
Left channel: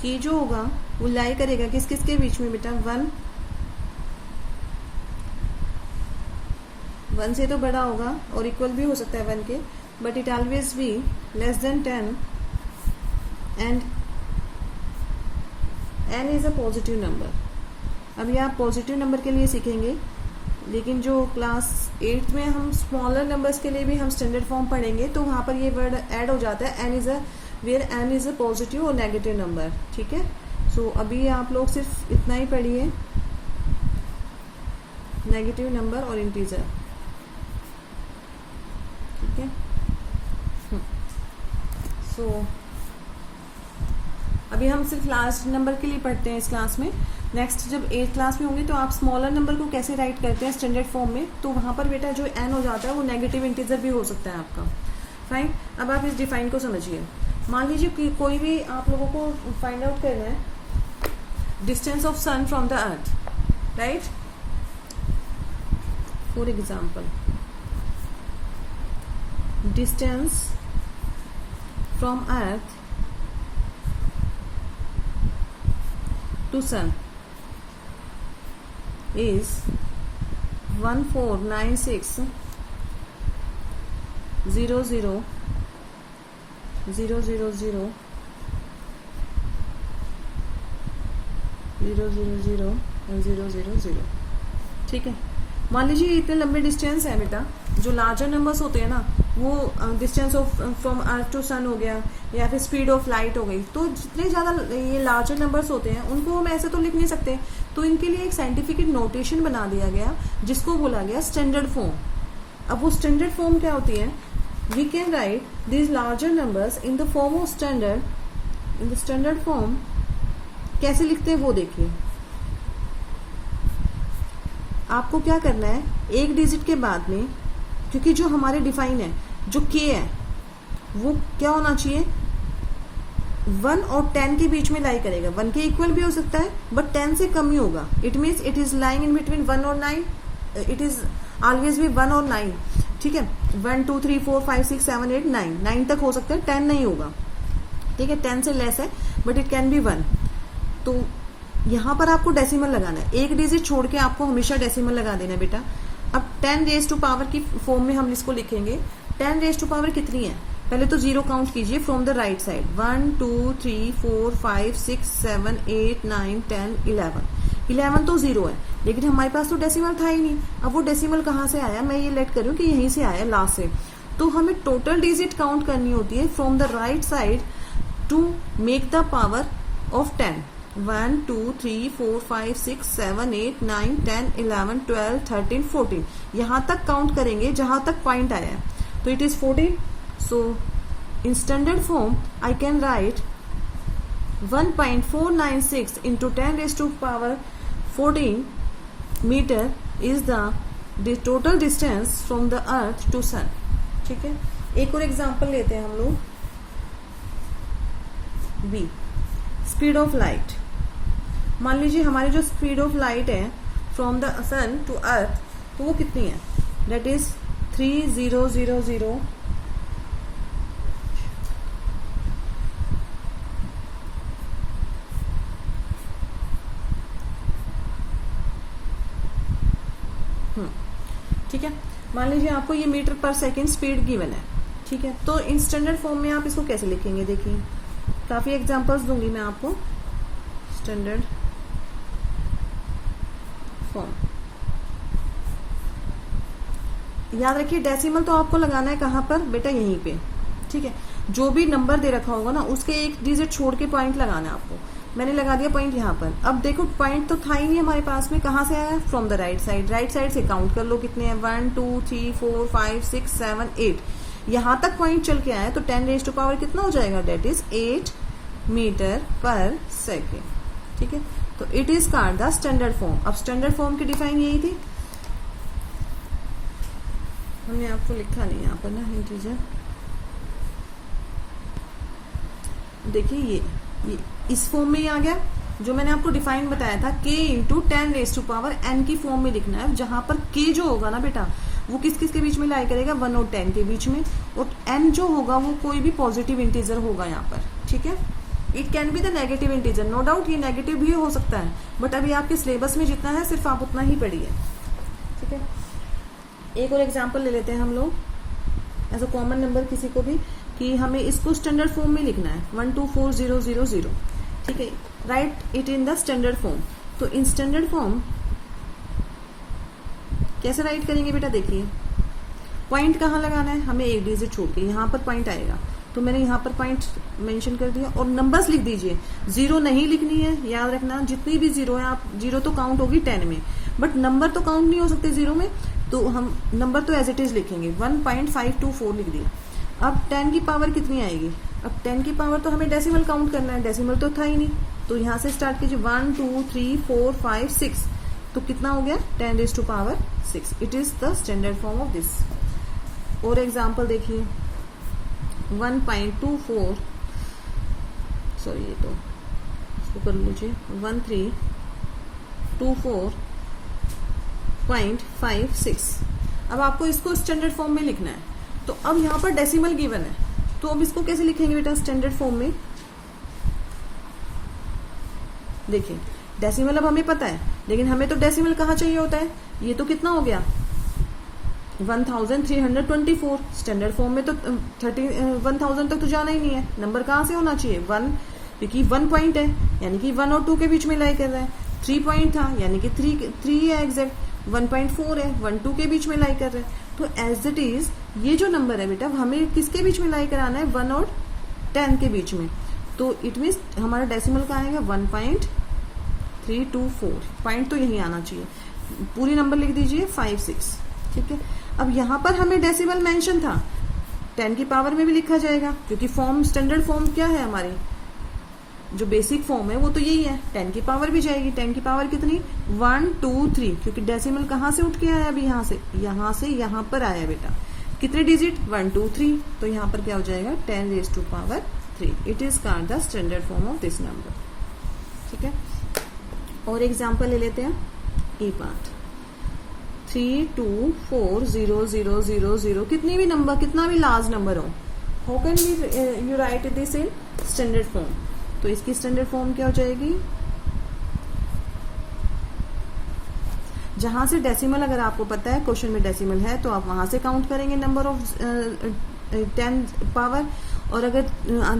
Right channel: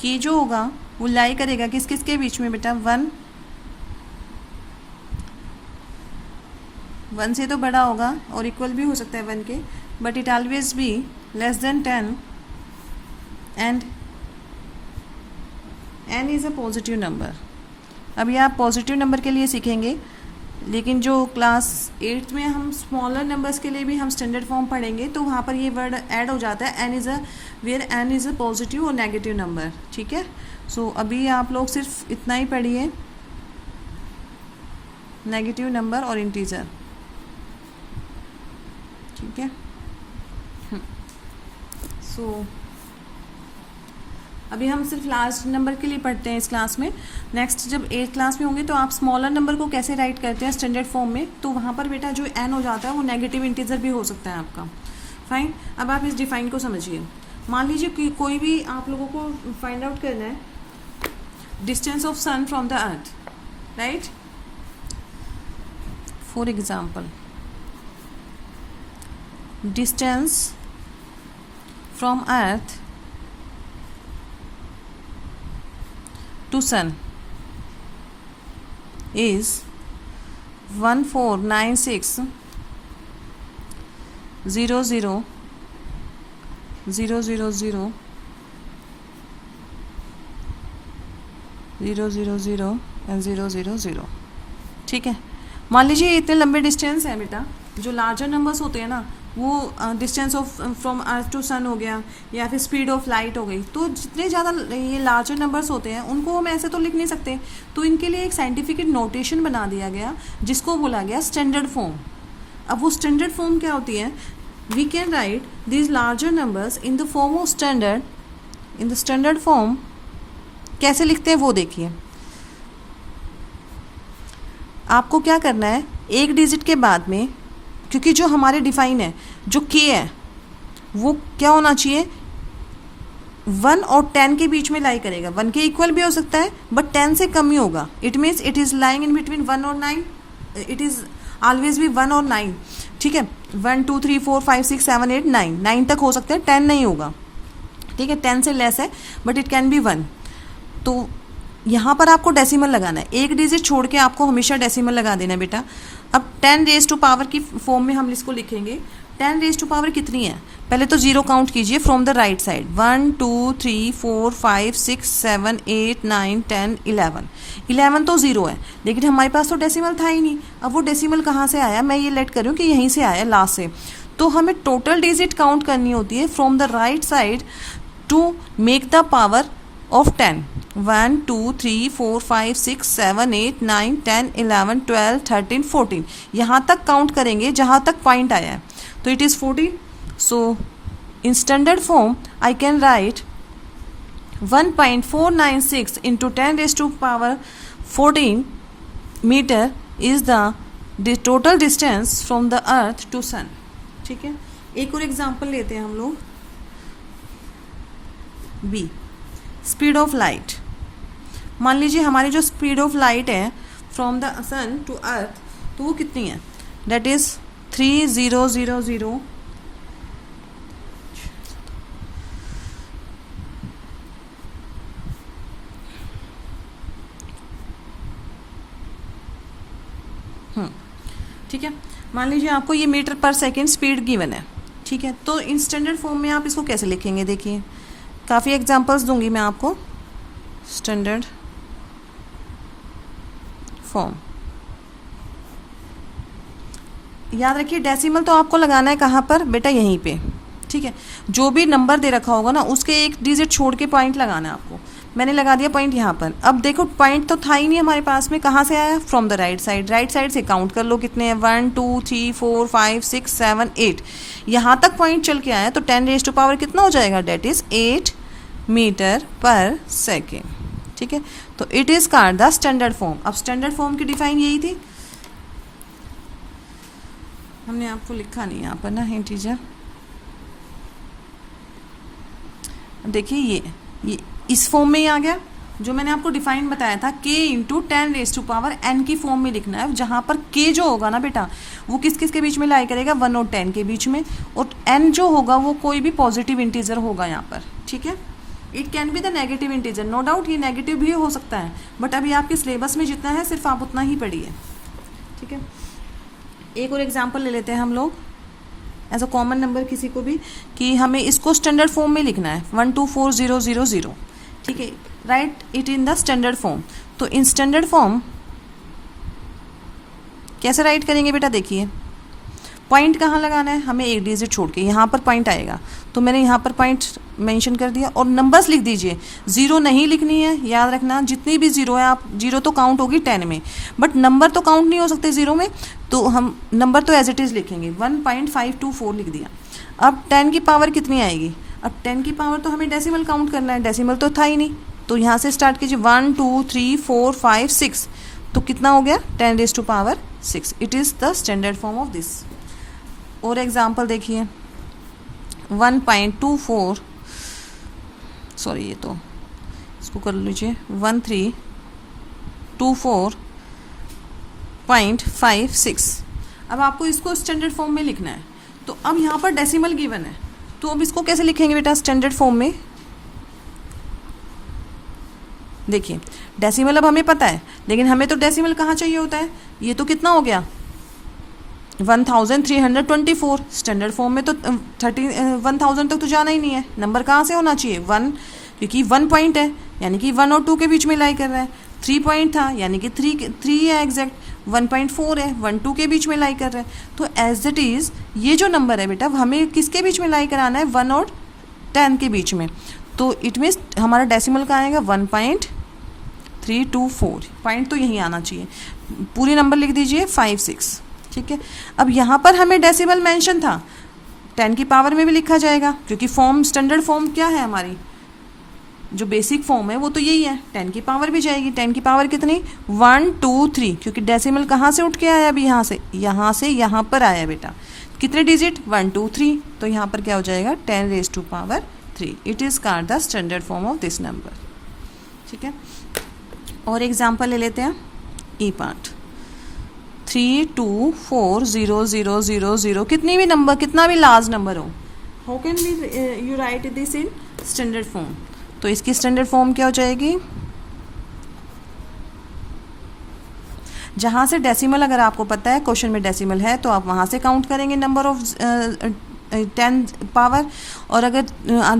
k जो होगा वो लाई करेगा किस किस के बीच में बेटा, 1 से तो बड़ा होगा और इक्वल भी हो सकता है 1 के, but it always be less than 10 and n is a positive number. अभी आप पॉजिटिव नंबर के लिए सीखेंगे, लेकिन जो क्लास 8 में हम स्मॉलर नंबर्स के लिए भी हम स्टैंडर्ड फॉर्म पढ़ेंगे तो वहाँ पर ये वर्ड ऐड हो जाता है, n इज़ अ पॉजिटिव और नेगेटिव नंबर। ठीक है, सो अभी आप लोग सिर्फ इतना ही पढ़िए, नेगेटिव नंबर और इंटीजर। ठीक है, सो अभी हम सिर्फ लास्ट नंबर के लिए पढ़ते हैं इस क्लास में। नेक्स्ट जब 8th क्लास में होंगे तो आप स्मॉलर नंबर को कैसे राइट करते हैं स्टैंडर्ड फॉर्म में, तो वहाँ पर बेटा जो n हो जाता है वो नेगेटिव इंटीजर भी हो सकता है आपका। फाइन, अब आप इस डिफाइन को समझिए। मान लीजिए कि कोई भी आप लोगों को फाइंड आउट करना है distance of sun from the earth, right. For example, distance from earth to sun is 1496 000 000 000 and 000। ठीक है, मान लीजिए इतने लंबे डिस्टेंस है बेटा, जो लार्जर नंबर्स होते हैं ना वो distance of from earth to sun हो गया या फिर स्पीड ऑफ लाइट हो गई, तो जितने ज़्यादा ये लार्जर नंबर्स होते हैं उनको हम ऐसे तो लिख नहीं सकते, तो इनके लिए एक साइंटिफिक नोटेशन बना दिया गया जिसको बोला गया स्टैंडर्ड फॉर्म। अब वो स्टैंडर्ड फॉर्म क्या होती है, we can write these larger numbers in the form of standard, in the standard form. कैसे लिखते हैं वो देखिए। आपको क्या करना है, एक डिजिट के बाद में, क्योंकि जो हमारे डिफाइन है जो k है वो क्या होना चाहिए, 1 और 10 के बीच में लाई करेगा। 1 के इक्वल भी हो सकता है बट 10 से कम ही होगा। It means it is lying in between 1 और 9, इट इज़ ऑलवेज भी 1 और 9। ठीक है, 1 2 3 4 5 6 7 8 9, 9 तक हो सकता है, 10 नहीं होगा। ठीक है, 10 से लेस है बट इट कैन बी 1। तो यहाँ पर आपको डेसिमल लगाना है, एक डिजिट छोड़ के आपको हमेशा डेसिमल लगा देना है बेटा। अब 10 रेज टू पावर की फॉर्म में हम इसको लिखेंगे। 10 रेज टू पावर कितनी है, पहले तो 0 काउंट कीजिए फ्रॉम द राइट साइड, 1 2 3 4 5 6 7 8 9 10 11। 11 तो 0 है, लेकिन हमारे पास तो डेसिमल था ही नहीं। अब वो डेसिमल कहाँ से आया, मैं ये लेट करूँ कि यहीं से आया, लास्ट से। तो हमें टोटल डिजिट काउंट करनी होती है from the right side to make the power of 10। 1 2 3 4 5 6 7 8 9 10 11 12 13 14, यहाँ तक काउंट करेंगे जहाँ तक पॉइंट आया है, तो it is 14। So in standard form I can write 1.496 into 10 raise to power 14 metre is the total distance from the earth to sun. ठीक है, एक और एग्जाम्पल लेते हैं हम लोग, बी स्पीड ऑफ लाइट। मान लीजिए हमारी जो स्पीड ऑफ लाइट है from the sun to earth, तो वो कितनी है, दैट इज 3000 ठीक है। मान लीजिए आपको ये मीटर पर सेकेंड स्पीड गिवन है। ठीक है, तो इन स्टैंडर्ड फॉर्म में आप इसको कैसे लिखेंगे, देखिए काफ़ी एग्जांपल्स दूंगी मैं आपको। स्टैंडर्ड फॉर्म, याद रखिए डेसिमल तो आपको लगाना है कहाँ पर बेटा, यहीं पे। ठीक है, जो भी नंबर दे रखा होगा ना उसके एक डिजिट छोड़ के पॉइंट लगाना है आपको। मैंने लगा दिया पॉइंट यहाँ पर। अब देखो पॉइंट तो था ही नहीं हमारे पास में, कहाँ से आया, from the right side. Right side से काउंट कर लो कितने हैं, 1 2 3 4 5 6 7 8, यहाँ तक पॉइंट चल के आया, तो 10 रेज टू पावर कितना हो जाएगा, डेट इज 8 मीटर पर सेकेंड। ठीक है, तो it is called the standard form. अब स्टैंडर्ड फॉर्म की डिफाइन यही थी। हमने आपको लिखा नहीं यहाँ पर ना इंटीजर। देखिए ये इस फॉर्म में ही आ गया जो मैंने आपको डिफाइन बताया था, k इंटू 10⁻n की फॉर्म में लिखना है, जहाँ पर k जो होगा ना बेटा वो किस किस के बीच में लाई करेगा, 1 और 10 के बीच में, और n जो होगा वो कोई भी पॉजिटिव इंटीजर होगा यहाँ पर, ठीक है। It can be the negative integer, no doubt ये नेगेटिव भी हो सकता है, बट अभी आपके सिलेबस में जितना है सिर्फ आप उतना ही पढ़िए, ठीक है। एक और एग्जाम्पल ले लेते हैं हम लोग एज अ कॉमन नंबर किसी को भी, कि हमें इसको स्टैंडर्ड फॉर्म में लिखना है 124000, ठीक है। Right it in the standard form. तो इन स्टैंडर्ड फॉर्म कैसे राइट करेंगे बेटा, देखिए पॉइंट कहाँ लगाना है, हमें एक डिजिट छोड़ के यहाँ पर पॉइंट आएगा, तो मैंने यहाँ पर पॉइंट मेंशन कर दिया, और नंबर्स लिख दीजिए, ज़ीरो नहीं लिखनी है, याद रखना जितनी भी ज़ीरो है आप, ज़ीरो तो काउंट होगी 10 में, बट नंबर तो काउंट नहीं हो सकते ज़ीरो में, तो हम नंबर तो एज इट इज़ लिखेंगे, 1.524 लिख दिया। अब 10 की पावर कितनी आएगी, अब 10 की पावर तो हमें डेसिमल काउंट करना है, डेसिमल तो था ही नहीं, तो यहाँ से स्टार्ट कीजिए 1 2 3 4 5 6, तो कितना हो गया 10⁻6। It is the standard form of this. और एग्जाम्पल देखिए 1.24, सॉरी ये तो इसको कर लीजिए 1324.56। अब आपको इसको स्टैंडर्ड फॉर्म में लिखना है, तो अब यहाँ पर डेसिमल गिवन है, तो अब इसको कैसे लिखेंगे बेटा स्टैंडर्ड फॉर्म में। देखिए डेसिमल अब हमें पता है, लेकिन हमें तो डेसिमल कहाँ चाहिए होता है, ये तो कितना हो गया 1324, स्टैंडर्ड फॉर्म में तो 1000 तक तो जाना ही नहीं है, नंबर कहाँ से होना चाहिए 1, क्योंकि 1 पॉइंट है यानी कि 1 और 2 के बीच में लाई कर रहा है, 3 पॉइंट था यानी कि 3 है एग्जैक्ट, 1.4 है 1 2 के बीच में लाई कर रहा है, तो एज इट इज़ ये जो नंबर है बेटा हमें किसके बीच में लाई कराना है 1 और 10 के बीच में, तो इट मीन्स हमारा डेसिमल का आएगा 1.324, पॉइंट तो यहीं आना चाहिए, पूरी नंबर लिख दीजिए 56, ठीक है। अब यहाँ पर हमें डेसिमल मेंशन था, 10 की पावर में भी लिखा जाएगा, क्योंकि फॉर्म स्टैंडर्ड फॉर्म क्या है हमारी, जो बेसिक फॉर्म है वो तो यही है, 10 की पावर भी जाएगी, 10 की पावर कितनी 1 2 3, क्योंकि डेसिमल कहाँ से उठ के आया अभी यहाँ से यहाँ पर आया बेटा, कितने डिजिट 1 2 3, तो यहाँ पर क्या हो जाएगा 10⁻3। It is called the standard form of this number, ठीक है। और एग्जाम्पल ले लेते हैं ई पार्ट 324000, कितनी भी नंबर, कितना भी लार्ज नंबर हो, how can we you write this in standard form, तो इसकी स्टैंडर्ड फॉर्म क्या हो जाएगी, जहाँ से डेसिमल अगर आपको पता है क्वेश्चन में डेसिमल है तो आप वहाँ से काउंट करेंगे नंबर ऑफ 10 पावर, और अगर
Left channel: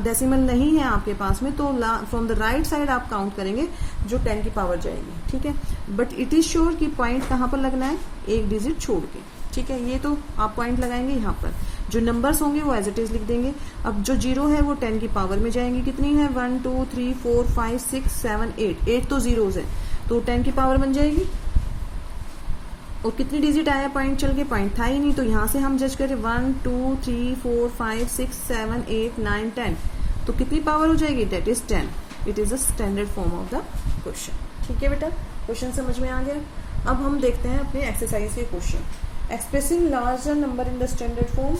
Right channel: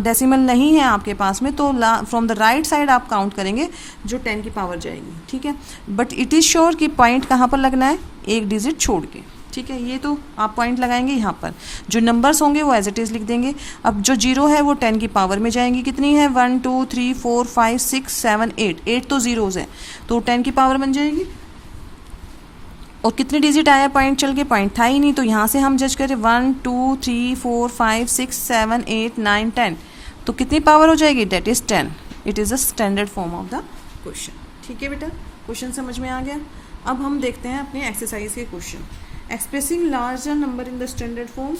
डेसिमल नहीं है आपके पास में तो फ्रॉम द राइट साइड आप काउंट करेंगे जो 10 की पावर जाएगी, ठीक है। बट इट इज़ श्योर कि पॉइंट कहाँ पर लगना है, एक डिजिट छोड़ के, ठीक है। ये तो आप पॉइंट लगाएंगे यहाँ पर, जो नंबर्स होंगे वो एज इट इज़ लिख देंगे। अब जो जीरो है वो 10 की पावर में जाएंगी, कितनी है 1 2 3 4 5 6 7 8 तो ज़ीरोज़ है, तो 10 की पावर बन जाएगी। और कितने डिजिट आया पॉइंट चल के, पॉइंट था ही नहीं, तो यहाँ से हम जज करें 1 2 3 4 5 6 7 8 9 10, तो कितनी पावर हो जाएगी, that is 10। It is the standard form of the question, ठीक है बेटा, क्वेश्चन समझ में आ गया। अब हम देखते हैं अपने एक्सरसाइज के question. Expressing larger number in the standard form,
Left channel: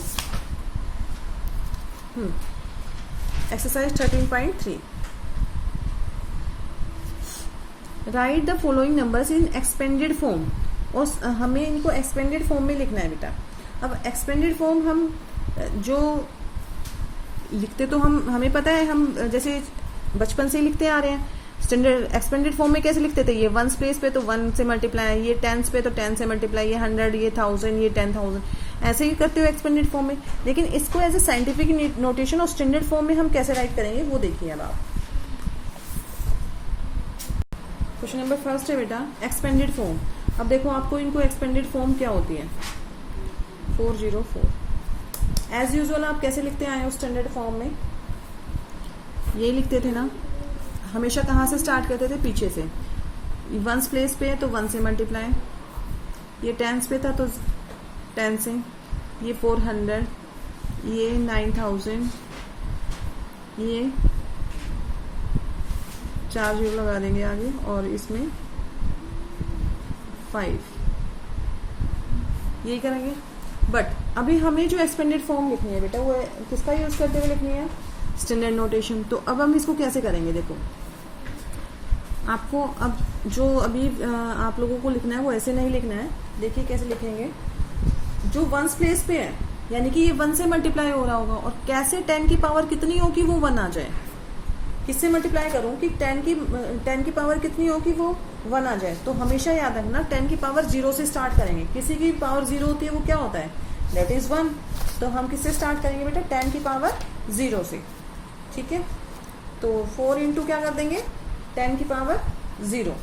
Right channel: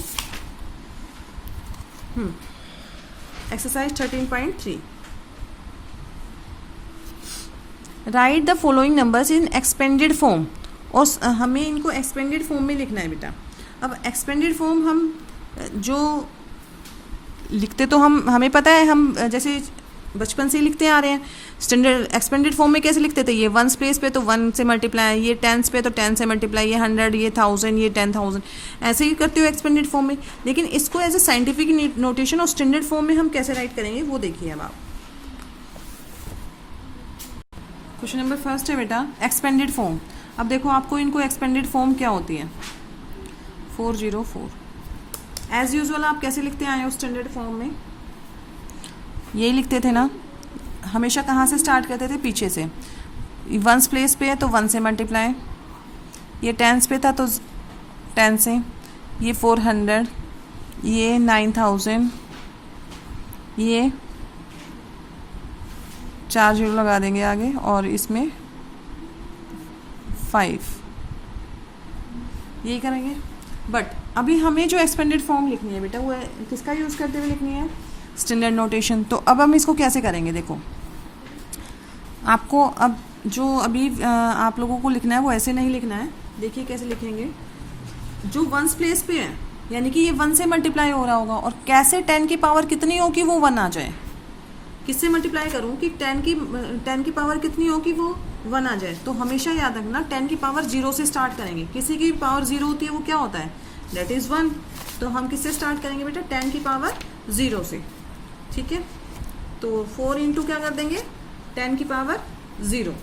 exercise 13.3, right the following numbers in expanded form, और हमें इनको एक्सपेंडेड फॉर्म में लिखना है बेटा। अब एक्सपेंडेड फॉर्म हम जो लिखते तो हमें पता है, हम जैसे बचपन से ही लिखते आ रहे हैं। स्टैंडर्ड एक्सपेंडेड फॉर्म में कैसे लिखते थे, ये 1 प्लेस पे तो 1 से मल्टीप्लाई, ये 10 पे तो 10 से मल्टीप्लाई, ये 100, ये 1000, ये 10,000, ऐसे ही करते हो एक्सपेंडेड फॉर्म में। लेकिन इसको एज ए साइंटिफिक नोटेशन और स्टैंडर्ड फॉर्म में हम कैसे राइट करेंगे वो देखिए। अब आप क्वेश्चन नंबर फर्स्ट है बेटा एक्सपेंडेड फॉर्म। अब देखो आपको इनको एक्सपेंडेड फॉर्म क्या होती है, 404 एज यूजुअल आप कैसे लिखते आए हो स्टैंडर्ड फॉर्म में, यही लिखते थे ना हमेशा। कहाँ से स्टार्ट करते थे, पीछे से। 1 प्लेस पे है तो 1 से मल्टीप्लाई, ये 10 पे था तो 10 से, ये 400, ये 9000, ये 4 जीरो लगा देंगे आगे, और इसमें 5, यही करेंगे। बट अभी हमें जो एक्सपेंडेड फॉर्म लिखनी है बेटा वो किसका यूज़ करते हुए लिखनी है, स्टैंडर्ड नोटेशन। तो अब हम इसको कैसे करेंगे, देखो आपको अब जो अभी आप लोगों को लिखना है वो ऐसे नहीं लिखना है। देखिए कैसे लिखेंगे, जो वंस प्लेस पे है यानी कि ये 1 से मल्टीप्लाई हो रहा होगा, और कैसे 10 की पावर कितनी हो कि वो 1 आ जाए, किससे मल्टीप्लाई करूँ कि 10 की पावर कितनी हो कि वो 1 आ जाए। तो हमेशा याद रखना 10 की पावर 0 से स्टार्ट करेंगे, किसी की पावर 0 होती है वो क्या होता है, दैट इज़ 1। तो हम किससे स्टार्ट करेंगे बेटा, 10 की पावर 0 से, ठीक है। तो 4 इंटू क्या कर देंगे, 10 की पावर 0,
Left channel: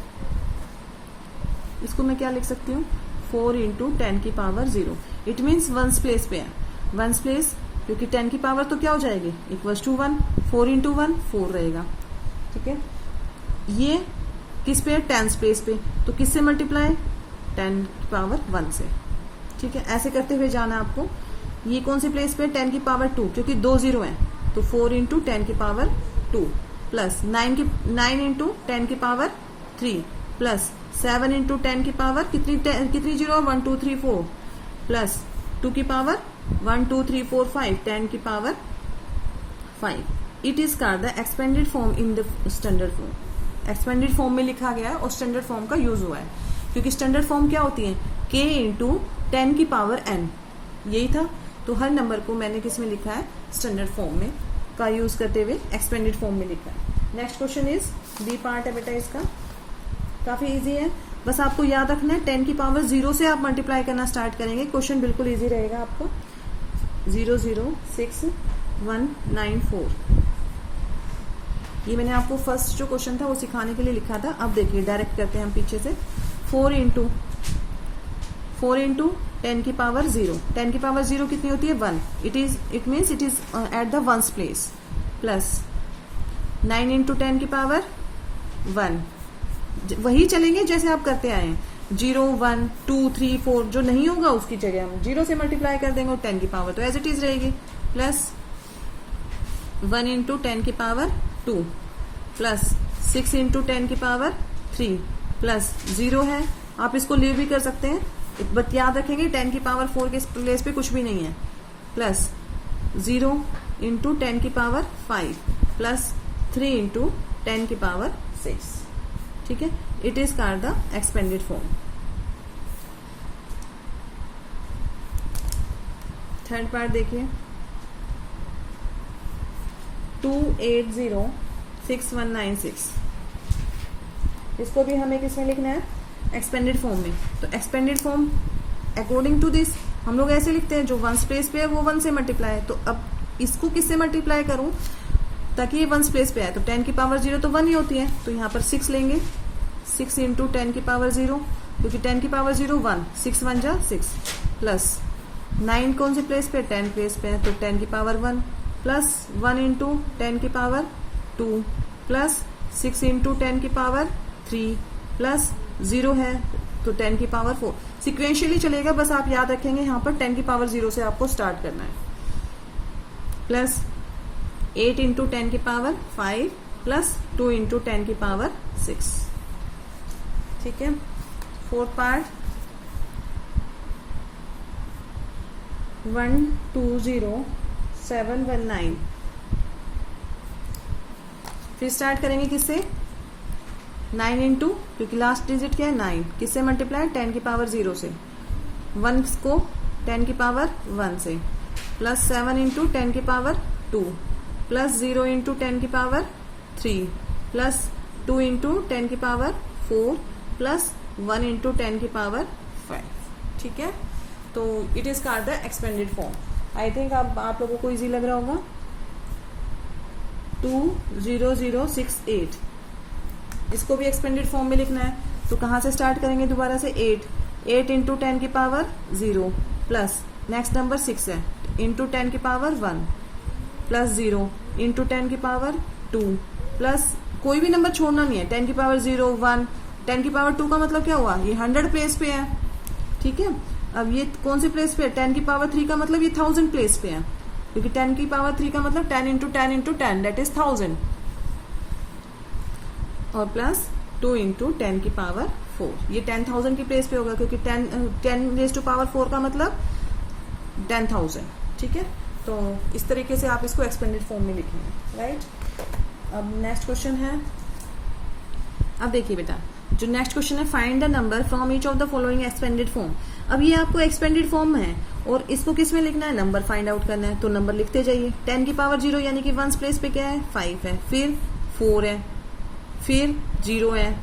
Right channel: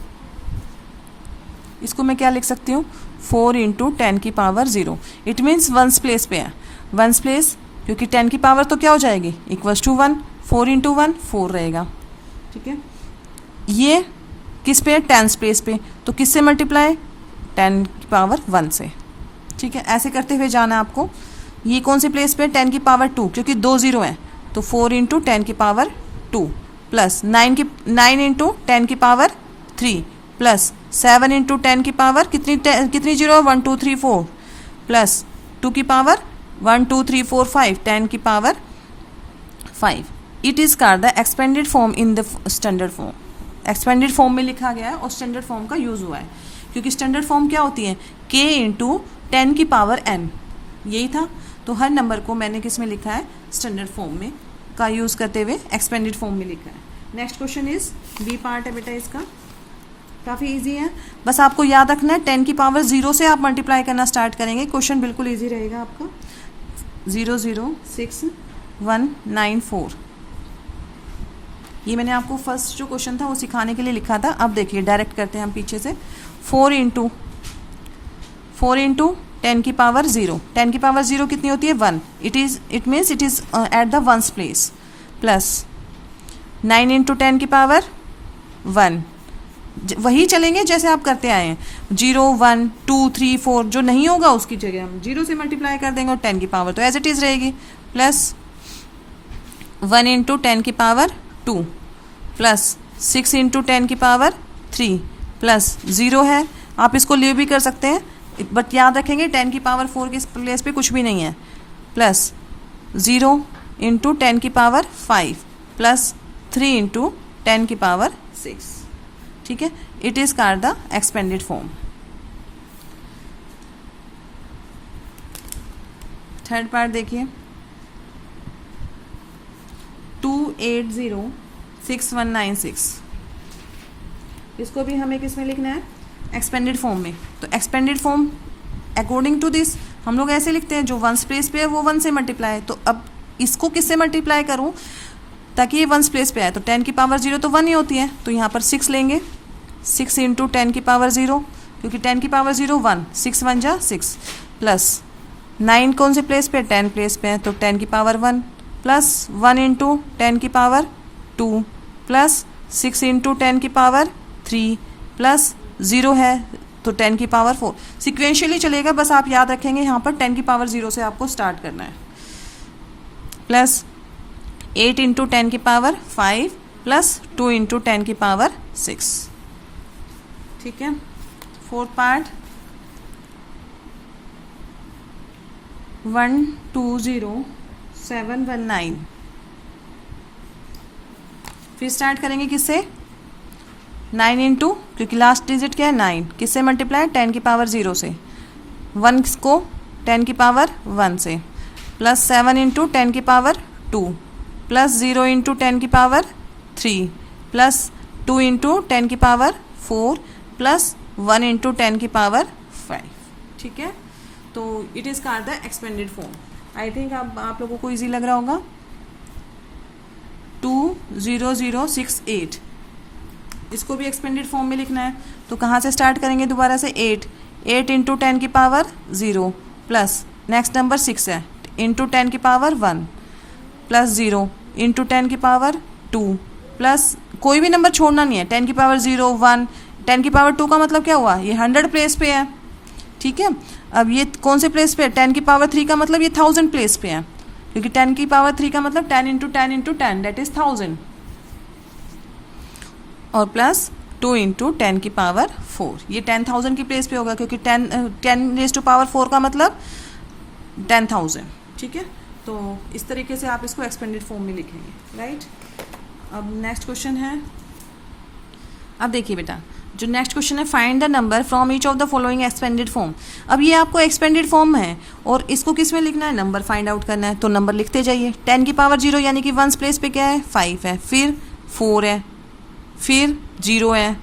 इसको मैं क्या लिख सकती हूँ, 4 इंटू 10 की power 0। It means ones place पे है, वंस प्लेस, क्योंकि 10 की पावर तो क्या हो जाएगी, इक्वल्स टू 1, 4 इंटू 1 4 रहेगा, ठीक है। ये किस पे है, टेंस प्लेस पे, तो किससे मल्टीप्लाई, 10 की पावर 1 से, ठीक है। ऐसे करते हुए जाना आपको। ये कौन सी प्लेस पे, 10 की पावर 2, क्योंकि 2 0 है, तो 4 इंटू 10 की पावर 2 प्लस 9 इंटू 10 की पावर 3 प्लस 7 इंटू 10 की पावर कितनी 0 है, 1 2 3 4 प्लस 2 की पावर 1 2 3 4 5, 10 की power 5। It is called the expanded form in the standard form. Expanded form में लिखा गया है और स्टैंडर्ड फॉर्म का यूज़ हुआ है, क्योंकि स्टैंडर्ड फॉर्म क्या होती है, k इंटू 10 की पावर n, यही था। तो हर नंबर को मैंने किस में लिखा है, स्टैंडर्ड फॉर्म में का यूज़ करते हुए एक्सपेंडेड फॉर्म में लिखा है। Next question is B part है बेटा, इसका काफ़ी इजी है, बस आपको याद रखना है 10 की पावर 0 से आप मल्टीप्लाई करना स्टार्ट करेंगे, क्वेश्चन बिल्कुल इजी रहेगा आपका। 0 0 6 1 9 4, ये मैंने आपको फर्स्ट जो क्वेश्चन था वो सिखाने के लिए लिखा था। अब देखिए डायरेक्ट करते हैं हम पीछे से, 4 इंटू 10 की पावर 0, 10 की पावर 0 कितनी होती है, 1, it means it is at the ones place, plus 9 into 10 की पावर 1, वही चलेंगे जैसे आप करते आए हैं, 0 1 2 3 4, जो नहीं होगा उसकी जगह हम 0 से मल्टीप्लाई कर देंगे और 10 की पावर तो एज इट इज़ रहेगी, प्लस 1 इंटू 10 की पावर 2 प्लस 6 इंटू 10 की पावर 3 प्लस 0 है, आप इसको लीव भी कर सकते हैं, बट याद रखेंगे 10 की पावर 4 के प्लेस पे कुछ भी नहीं है, प्लस 0 इंटू 10 की पावर 5 प्लस 3 इंटू 10 की पावर 6, ठीक है। It is called the expanded form. Third part देखिए, 2806196, इसको भी हमें किस में लिखना है, एक्सपेंडेड फॉर्म में। तो expanded form according to this हम लोग ऐसे लिखते हैं, जो वंस प्लेस पे है वो 1 से मल्टीप्लाई है, तो अब इसको किससे मल्टीप्लाई करूं ताकि ये वंस प्लेस पे आए, तो 10 की पावर 0 तो 1 ही होती है, तो यहाँ पर 6 लेंगे, 6 इंटू 10 की पावर 0, क्योंकि 10 की पावर 0 1, 6 1 जा 6, प्लस 9 कौन से प्लेस पे, 10 प्लेस पे है, तो 10 की पावर 1 प्लस 1 इंटू 10 की पावर 2 प्लस 6 इंटू 10 की पावर 3 प्लस 0 है तो 10 की पावर 4, सिक्वेंशियली चलेगा, बस आप याद रखेंगे यहाँ पर 10 की पावर 0 से आपको स्टार्ट करना है, प्लस 8 इंटू 10 की पावर 5 प्लस 2 इंटू 10 की पावर 6, ठीक है। फोर्थ पार्ट 120719, फिर स्टार्ट करेंगे किससे, 9 इंटू, क्योंकि लास्ट डिजिट क्या है 9, किससे मल्टीप्लाई, 10 की पावर 0 से, 1 को 10 की पावर 1 से, प्लस 7 इंटू 10 की पावर 2 प्लस 0 इंटू 10 की पावर 3 प्लस 2 इंटू 10 की पावर 4 प्लस 1 इंटू 10 की पावर 5, ठीक है। तो it is called the expanded form. I think अब आप लोगों को इजी लग रहा होगा। 20068, इसको भी एक्सपेंडेड फॉर्म में लिखना है, तो कहाँ से स्टार्ट करेंगे, दोबारा से 8 इंटू 10 की पावर 0 प्लस नेक्स्ट नंबर 6 है, इंटू 10 की पावर 1 प्लस 0 इंटू 10 की पावर 2 प्लस कोई भी नंबर छोड़ना नहीं है, 10 की पावर 0 1, 10 की पावर 2 का मतलब क्या हुआ, ये 100 प्लेस पे है, ठीक है। अब ये कौन से प्लेस पे है, 10 की पावर 3 का मतलब ये 1000 प्लेस पे है, क्योंकि 10 की पावर 3 का मतलब 10 इंटू 10 इंटू 10 दैट इज 1000, और प्लस 2 इंटू 10 की पावर 4, ये 10,000 की प्लेस पे होगा, क्योंकि 10 रेज़ टू पावर 4 का मतलब 10,000, ठीक है। तो इस तरीके से आप इसको एक्सपेंडेड फॉर्म में लिखेंगे, राइट। अब नेक्स्ट क्वेश्चन है, अब देखिए बेटा जो नेक्स्ट क्वेश्चन है, find the number from each of the following expanded form. अब ये आपको एक्सपेंडेड फॉर्म है और इसको किस में लिखना है, नंबर फाइंड आउट करना है, तो नंबर लिखते जाइए। 10 की पावर 0 यानी कि वंस प्लेस पे क्या है, 5 है, फिर 4 है, फिर 0 है,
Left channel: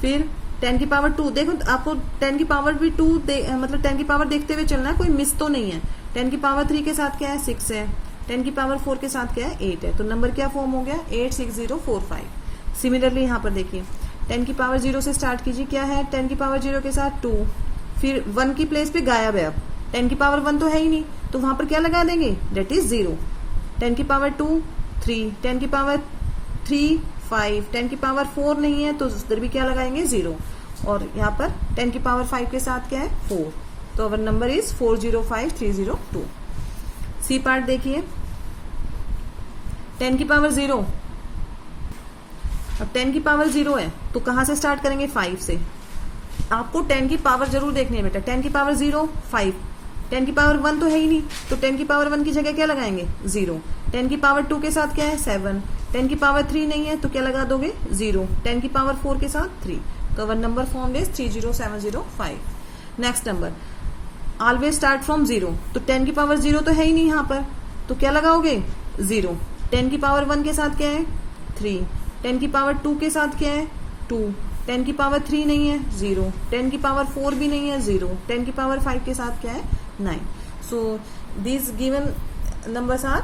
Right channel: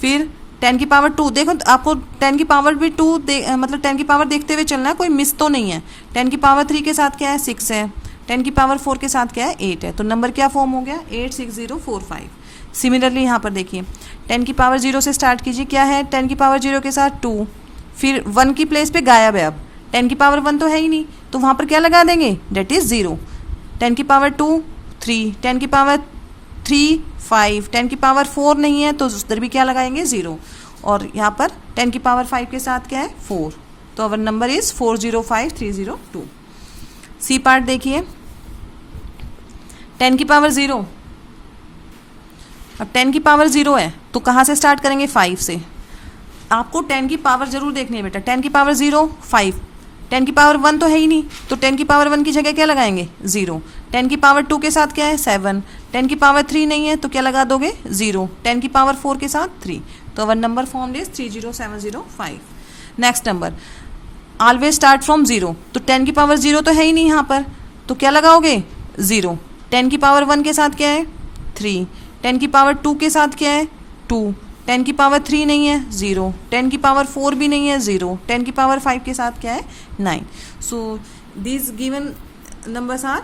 फिर 10 की पावर 2। देखो आपको 10 की पावर भी 2 मतलब 10 की पावर देखते हुए चलना है, कोई मिस तो नहीं है। 10 की पावर 3 के साथ क्या है, 6 है। 10 की पावर 4 के साथ क्या है, 8 है। तो नंबर क्या फॉर्म हो गया, 86045। सिमिलरली यहाँ पर देखिए 10 की पावर 0 से स्टार्ट कीजिए, क्या है 10 की पावर 0 के साथ 2, फिर 1 की प्लेस पे गायब है। अब 10 की पावर 1 तो है ही नहीं, तो वहाँ पर क्या लगा देंगे, डेट इज़ 0। 10 की पावर 2 3, 10 की पावर 3 5, 10 की पावर 4 नहीं है तो उधर भी क्या लगाएंगे, 0। और यहाँ पर 10 की पावर 5 के साथ क्या है, 4। तो our number is 405302। C part देखिए, 10 की पावर 0, अब 10 की पावर 0 है तो कहाँ से स्टार्ट करेंगे, 5 से। आपको 10 की पावर जरूर देखनी है बेटा। 10 की पावर 0 5, 10 की पावर 1 तो है ही नहीं, तो 10 की पावर 1 की जगह क्या लगाएंगे, 0। 10 की पावर 2 के साथ क्या है, 7। 10 की पावर 3 नहीं है तो क्या लगा दोगे, 0। 10 की पावर 4 के साथ 3। तो our number form is 30705। Next number, always start from 0। तो 10 की पावर 0 तो है ही नहीं यहाँ पर, तो क्या लगाओगे, 0। 10 की पावर 1 के साथ क्या है, 3। 10 की पावर 2 के साथ क्या है, 2। 10 की पावर 3 नहीं है, 0। 10 की पावर 4 भी नहीं है, 0। 10 की पावर 5 के साथ क्या है, 9। So this given numbers are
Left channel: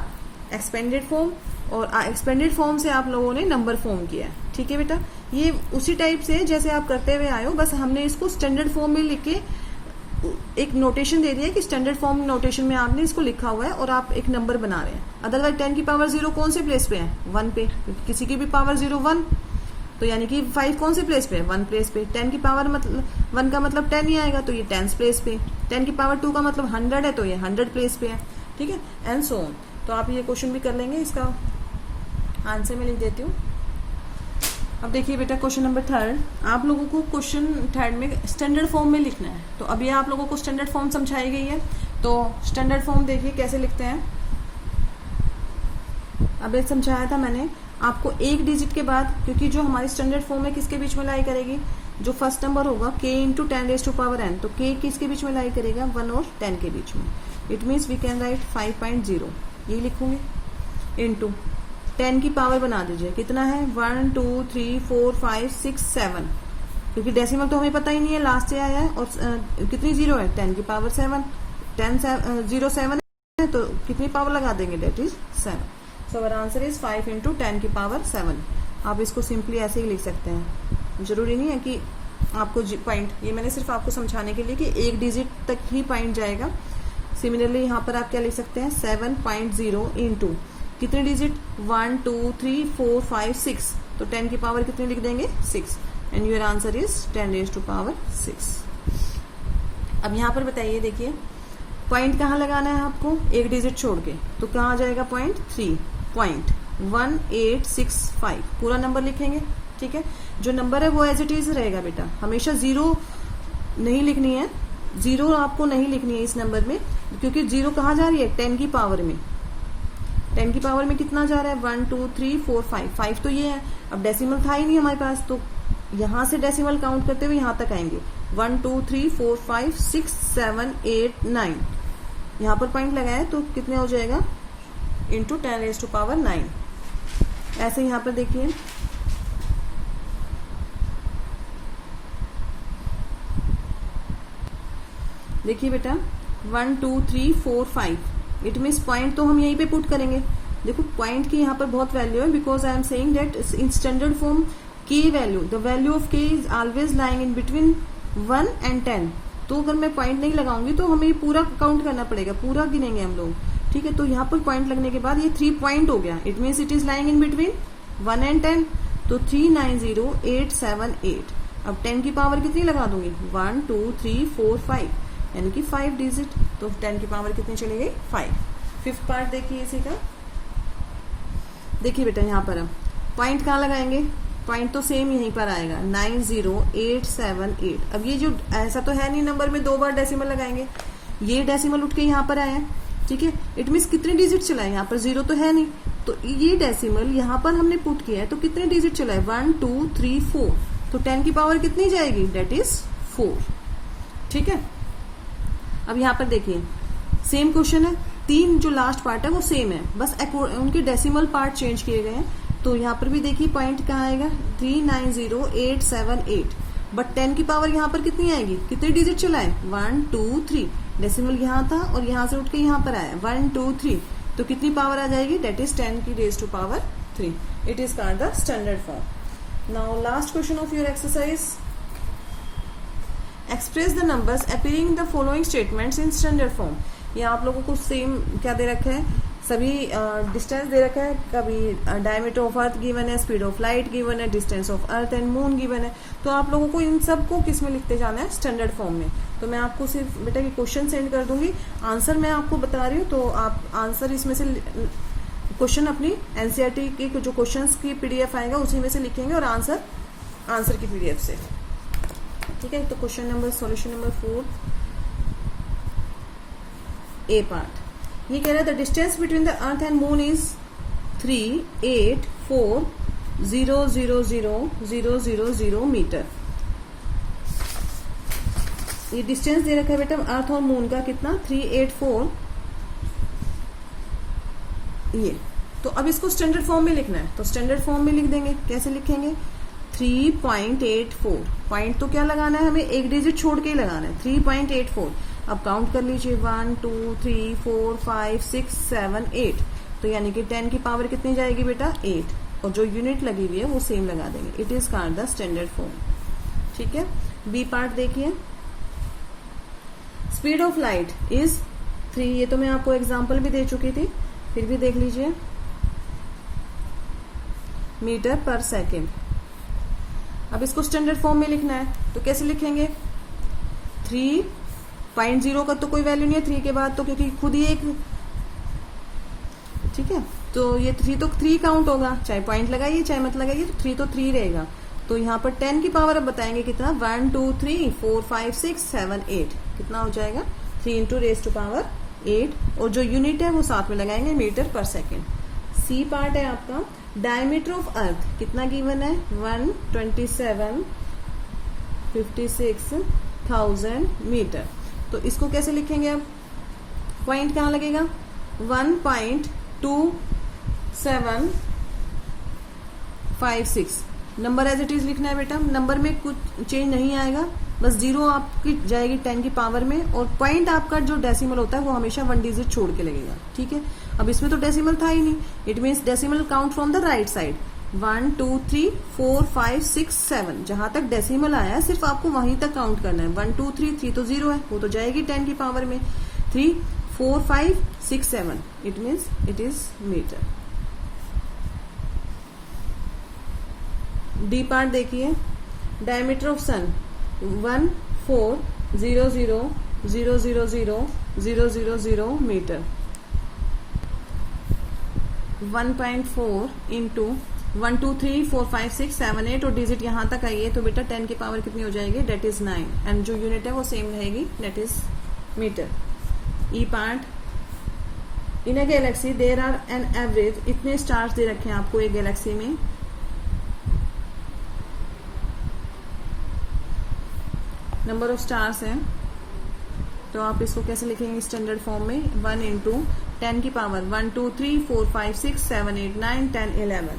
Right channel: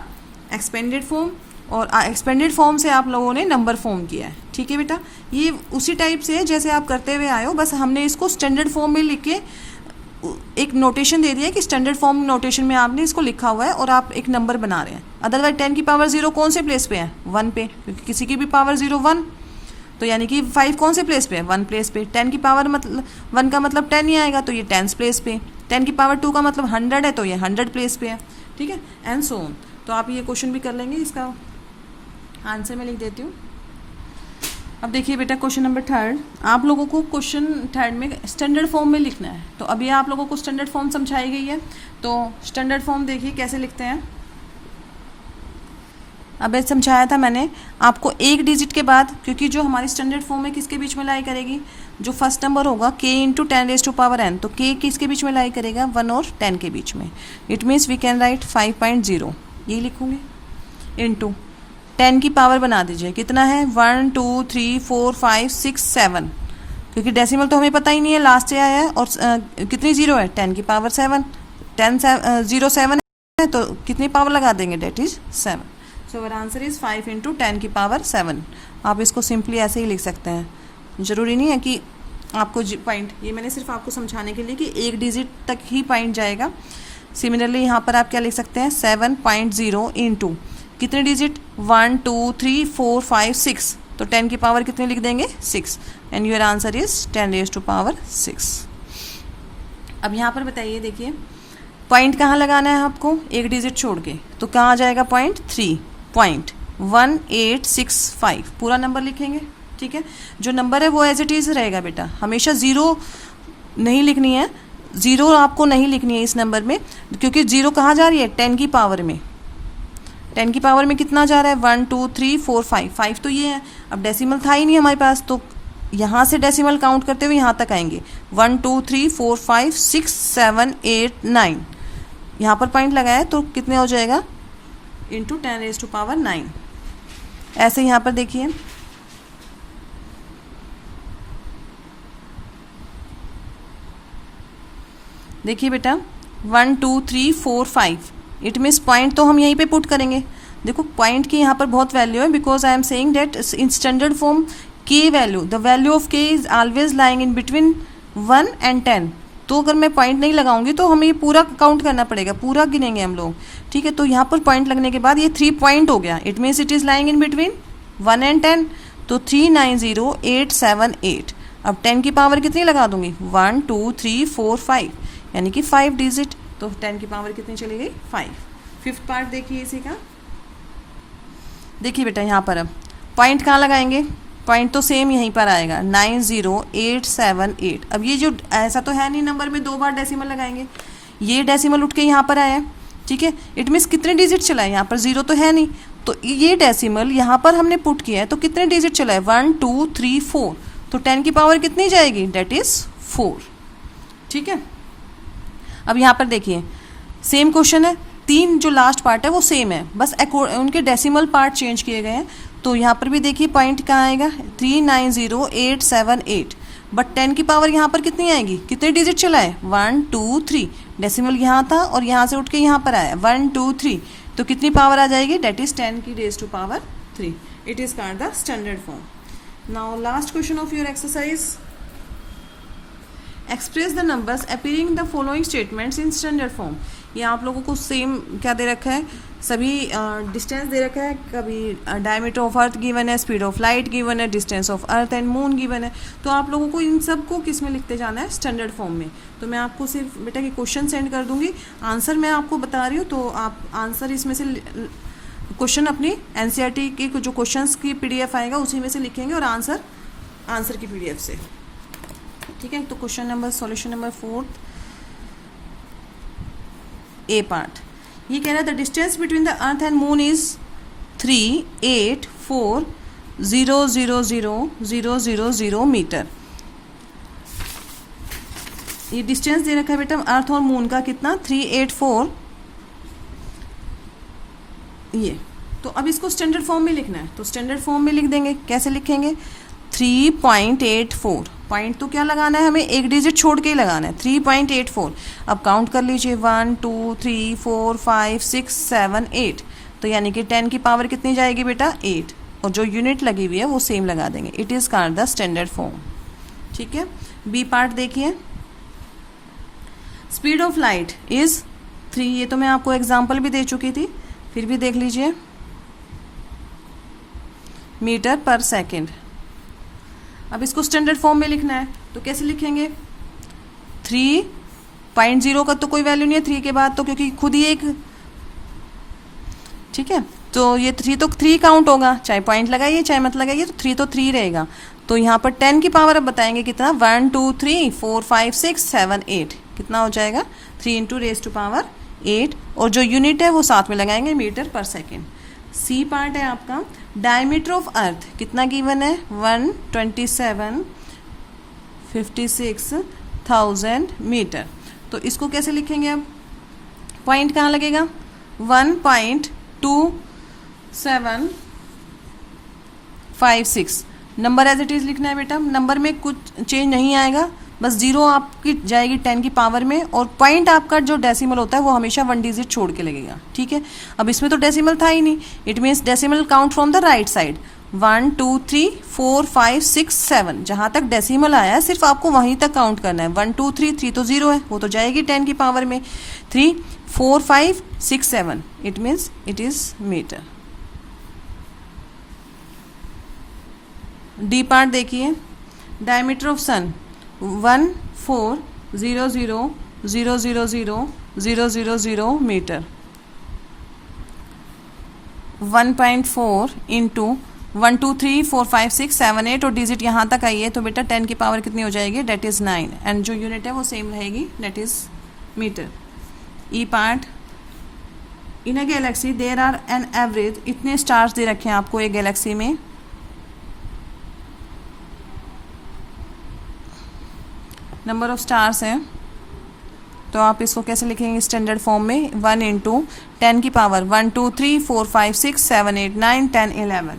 expanded form, और एक्सपेंडेड फॉर्म से आप लोगों ने नंबर फॉर्म किया है, ठीक है बेटा। ये उसी टाइप से है जैसे आप करते हुए आए हो, बस हमने इसको स्टैंडर्ड फॉर्म में लिख के एक नोटेशन दे दिया कि स्टैंडर्ड फॉर्म नोटेशन में आपने इसको लिखा हुआ है और आप एक नंबर बना रहे हैं। अदरवाइज 10 की पावर 0 कौन से प्लेस पे है, 1 पे, क्योंकि किसी की भी पावर 0 1, तो यानी कि 5 कौन से प्लेस पे है, 1 प्लेस पे। 10 की पावर मतलब 1 का मतलब 10 ही आएगा, तो ये 10 प्लेस पे। 10 की पावर 2 का मतलब 100 है, तो ये 100 प्लेस पे है, ठीक है, एंड सो ऑन। तो आप ये क्वेश्चन भी कर लेंगे, इसका आंसर मैं लिख देती हूँ। अब देखिए बेटा क्वेश्चन नंबर 3, आप लोगों को क्वेश्चन 3 में स्टैंडर्ड फॉर्म में लिखना है। तो अभी आप लोगों को स्टैंडर्ड फॉर्म समझाई गई है, तो स्टैंडर्ड फॉर्म देखिए कैसे लिखते हैं। अब समझाया था मैंने आपको, एक डिजिट के बाद, क्योंकि जो हमारी स्टैंडर्ड फॉर्म है किसके बीच में लाई करेगी, जो फर्स्ट नंबर होगा k इंटू 10⁻n, तो k किसके बीच में लाई करेगा, 1 और 10 के बीच में। It means we can write 5.0, यही लिखूंगी, इंटू 10 की पावर बना दीजिए, कितना है 1 2 3 4 5 6 7, क्योंकि डेसिमल तो हमें पता ही नहीं है, लास्ट से आया है, और कितनी 0 है, 10 की पावर 7, 0 7 है, तो कितनी पावर लगा देंगे, that is 7। So our answer is 5 into 10 की पावर 7। आप इसको सिंपली ऐसे ही लिख सकते हैं, ज़रूरी नहीं है कि आपको पॉइंट, ये मैंने सिर्फ आपको समझाने के लिए कि एक डिजिट तक ही पॉइंट जाएगा। सिमिलरली यहाँ पर आप क्या लिख सकते हैं, 7.0 इंटू कितने डिजिट, 1 2 3 4 5 6, तो 10 की पावर कितनी लिख देंगे, 6, एंड योर आंसर इज 10⁻6। अब यहाँ पर बताइए, देखिए पॉइंट कहाँ लगाना है आपको, एक डिजिट छोड़ के, तो कहाँ आ जाएगा पॉइंट, 3.1865, पूरा नंबर लिखेंगे, ठीक है। जो नंबर है वो एज इट इज़ रहेगा बेटा, हमेशा 0 नहीं लिखनी है, 0 आपको नहीं लिखनी है इस नंबर में, क्योंकि 0 कहाँ जा रही है, 10 की पावर में। 10 की पावर में कितना जा रहा है, 1 2 3 4 5, 5 तो ये है। अब डेसिमल था ही नहीं हमारे पास, तो यहाँ से डेसिमल काउंट करते हुए यहाँ तक आएंगे, 1 2 3 4 5 6 7 8 9, यहाँ पर पॉइंट लगाया है, तो कितने हो जाएगा, इंटू 10⁻9। ऐसे यहाँ पर देखिए, देखिए बेटा 1 2 3 4 5, इट मीन्स पॉइंट तो हम यहीं पे पुट करेंगे। देखो पॉइंट की यहाँ पर बहुत वैल्यू है, because I am saying that in standard form k value, the value of k is always lying in between 1 and 10। तो अगर मैं पॉइंट नहीं लगाऊंगी तो हमें ये पूरा काउंट करना पड़ेगा, पूरा गिनेंगे हम लोग, ठीक है। तो यहाँ पर पॉइंट लगने के बाद ये 3 पॉइंट हो गया, it means it is lying in between 1 and 10, तो 390878। अब 10 की पावर कितनी लगा दूंगी, 1 2 3 4 5, यानी कि 5 डिजिट, तो 10 की पावर कितनी चली गई, 5। फिफ्थ पार्ट देखिए इसी का, देखिए बेटा यहाँ पर अब पॉइंट कहाँ लगाएंगे, पॉइंट तो सेम यहीं पर आएगा, 90878। अब ये जो ऐसा तो है नहीं नंबर में 2 बार डेसिमल लगाएंगे, ये डेसिमल उठ के यहाँ पर आया है, ठीक है। इट मीन्स कितने डिजिट चला है, यहाँ पर 0 तो है नहीं, तो ये डेसिमल यहाँ पर हमने पुट किया है, तो कितने डिजिट चला है 1 2 3 4, तो 10 की पावर कितनी जाएगी, डेट इज़ 4, ठीक है। अब यहाँ पर देखिए सेम क्वेश्चन है, 3 जो लास्ट पार्ट है वो सेम है, बस उनके डेसिमल पार्ट चेंज किए गए हैं। तो यहाँ पर भी देखिए पॉइंट कहाँ आएगा 390878, बट 10 की पावर यहाँ पर कितनी आएगी, कितने डिजिट चला है 1 2 3, डेसिमल यहाँ था और यहाँ से उठ के यहाँ पर आया 1 2 3, तो कितनी पावर आ जाएगी, डेट इज 10 की raise to power 3। It is called the standard form. Now last question of your exercise, express the numbers appearing in the following statements in standard form. ये आप लोगों को सेम क्या दे रखा है, सभी डिस्टेंस दे रखा है, कभी डायमीटर ऑफ अर्थ गिवन है, स्पीड ऑफ लाइट गिवन है, distance of earth and moon given है। तो आप लोगों को इन सब को किस में लिखते जाना है, स्टैंडर्ड फॉर्म में। तो मैं आपको सिर्फ बेटा के क्वेश्चन सेंड कर दूंगी, आंसर मैं आपको बता रही हूँ, तो आप आंसर इसमें से क्वेश्चन अपनी एनसीईआरटी के जो क्वेश्चंस की पीडीएफ आएगा उसी में से लिखेंगे और आंसर की पीडीएफ से, ठीक है। तो question number solution number 4 A part, ये कह रहा है the distance between the earth and moon is 384000000 metre. ये डिस्टेंस दे रखा है बेटा अर्थ और मून का कितना 384, ये। तो अब इसको स्टैंडर्ड फॉर्म में लिखना है, तो स्टैंडर्ड फॉर्म में लिख देंगे। कैसे लिखेंगे, 3.84, पॉइंट तो क्या लगाना है हमें, एक डिजिट छोड़ के ही लगाना है, 3.84। अब काउंट कर लीजिए 1 2 3 4 5 6 7 8, तो यानी कि 10 की पावर कितनी जाएगी बेटा 8, और जो यूनिट लगी हुई है वो सेम लगा देंगे। It is called the standard form, ठीक है। बी पार्ट देखिए, स्पीड ऑफ लाइट इज 3, ये तो मैं आपको एग्जाम्पल भी दे चुकी थी, फिर भी देख लीजिए, मीटर पर सेकेंड। अब इसको स्टैंडर्ड फॉर्म में लिखना है, तो कैसे लिखेंगे, 3.0 का तो कोई वैल्यू नहीं है 3 के बाद, तो क्योंकि खुद ही एक, ठीक है। तो ये 3 तो 3 काउंट होगा, चाहे पॉइंट लगाइए चाहे मत लगाइए, तो 3 तो 3 रहेगा। तो यहाँ पर 10 की पावर अब बताएंगे कितना, 1 2 3 4 5 6 7 8, कितना हो जाएगा 3 इंटू रेज टू पावर 8, और जो यूनिट है वो साथ में लगाएंगे, मीटर पर सेकेंड। सी पार्ट है आपका, डायमीटर ऑफ अर्थ कितना गिवन है 127,56,000 मीटर। तो इसको कैसे लिखेंगे, अब पॉइंट कहाँ लगेगा 1.2756, नंबर एज इट इज़ लिखना है बेटा, नंबर में कुछ चेंज नहीं आएगा, बस 0 आपकी जाएगी 10 की पावर में, और पॉइंट आपका जो डेसिमल होता है वो हमेशा 1 डिजिट छोड़ के लगेगा, ठीक है। अब इसमें तो डेसिमल था ही नहीं, it means decimal count from the right side, 1 2 3 4 5 6 7, जहाँ तक डेसिमल आया है सिर्फ आपको वहीं तक काउंट करना है। 1 2 3 3 तो 0 है, वो तो जाएगी 10 की पावर में, 3 4 5 6 7, it means it is metre. D part देखिए, diameter of sun 140000000 metre, 1.4 into 1 2 3 4 5 6 7 8, और डिजिट यहाँ तक आई है, तो बेटा 10 की पावर कितनी हो जाएगी, डेट इज़ 9, एंड जो यूनिट है वो सेम रहेगी, that is metre. E part, in a galaxy there are an average, इतने स्टार्स दे रखे हैं आपको एक गैलेक्सी में, नंबर ऑफ स्टार्स हैं, तो आप इसको कैसे लिखेंगे स्टैंडर्ड फॉर्म में, 1 इंटू 10 की पावर 1 2 3 4 5 6 7 8 9 10 11,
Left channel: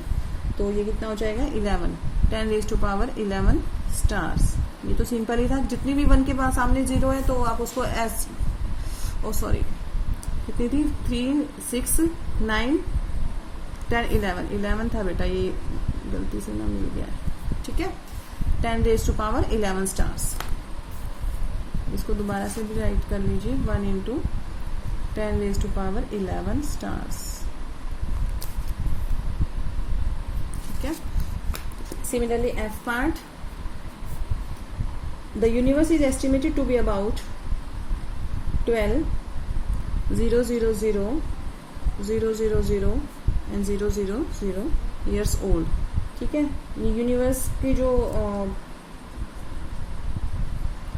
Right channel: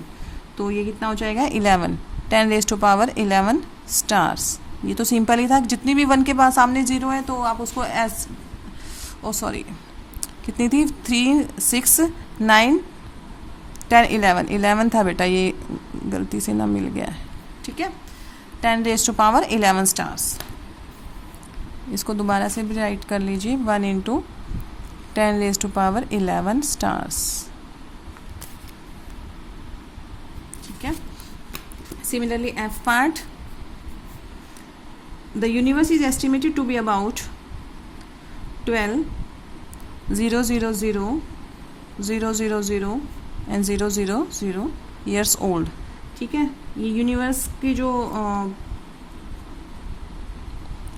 तो ये कितना हो जाएगा 11, 10 रेज टू पावर 11 स्टार्स। ये तो सिंपल ही था, जितनी भी 1 के पास सामने 0 है तो आप उसको एस, ओ सॉरी कितनी थी 3 6 9 10 11 था बेटा, ये गलती से ना मिल गया है, ठीक है। 10 रेज टू पावर 11 स्टार्स, इसको दोबारा से भी राइट कर लीजिए, 1 into 10 raise to power 11 stars, ठीक है। Similarly F part, the universe is estimated to be about 12,000,000 and 000 years old, ठीक है। ये यूनिवर्स की जो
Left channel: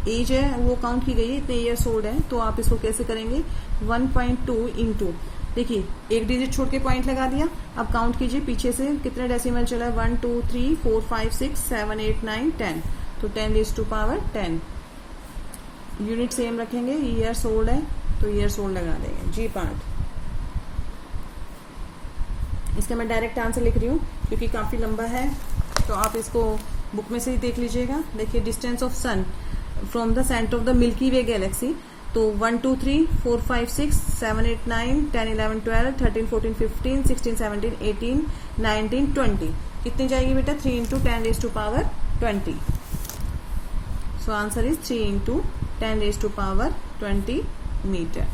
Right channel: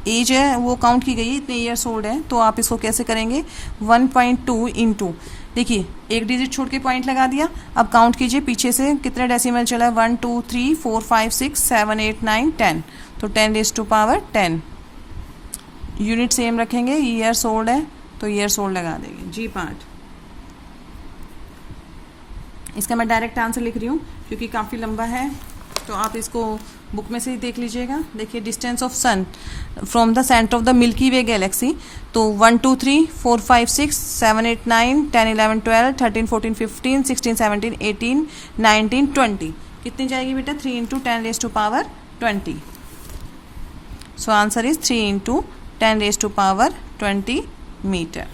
एज है वो काउंट की गई है, इतने ईयर्स ओल्ड है, तो आप इसको कैसे करेंगे 1.2 इंटू, देखिए एक डिजिट छोड़ के पॉइंट लगा दिया, अब काउंट कीजिए पीछे से कितने डेसिमल चला है 1 2 3 4 5 6 7 8 9 10, तो 10⁻10। यूनिट सेम रखेंगे, ईयर्स ओल्ड है तो ईयर्स ओल्ड लगा देंगे। जी पार्ट, इसका मैं डायरेक्ट आंसर लिख रही हूँ क्योंकि काफ़ी लंबा है, तो आप इसको बुक में से ही देख लीजिएगा। देखिए distance of sun from the centre of the Milky Way galaxy, तो 1 2 3 4 5 6 7 8 9 10 11 12 13 14 15 16 17 18 19 20, कितनी जाएगी बेटा 3 into 10⁻20। So answer is 3 into 10⁻20 metre.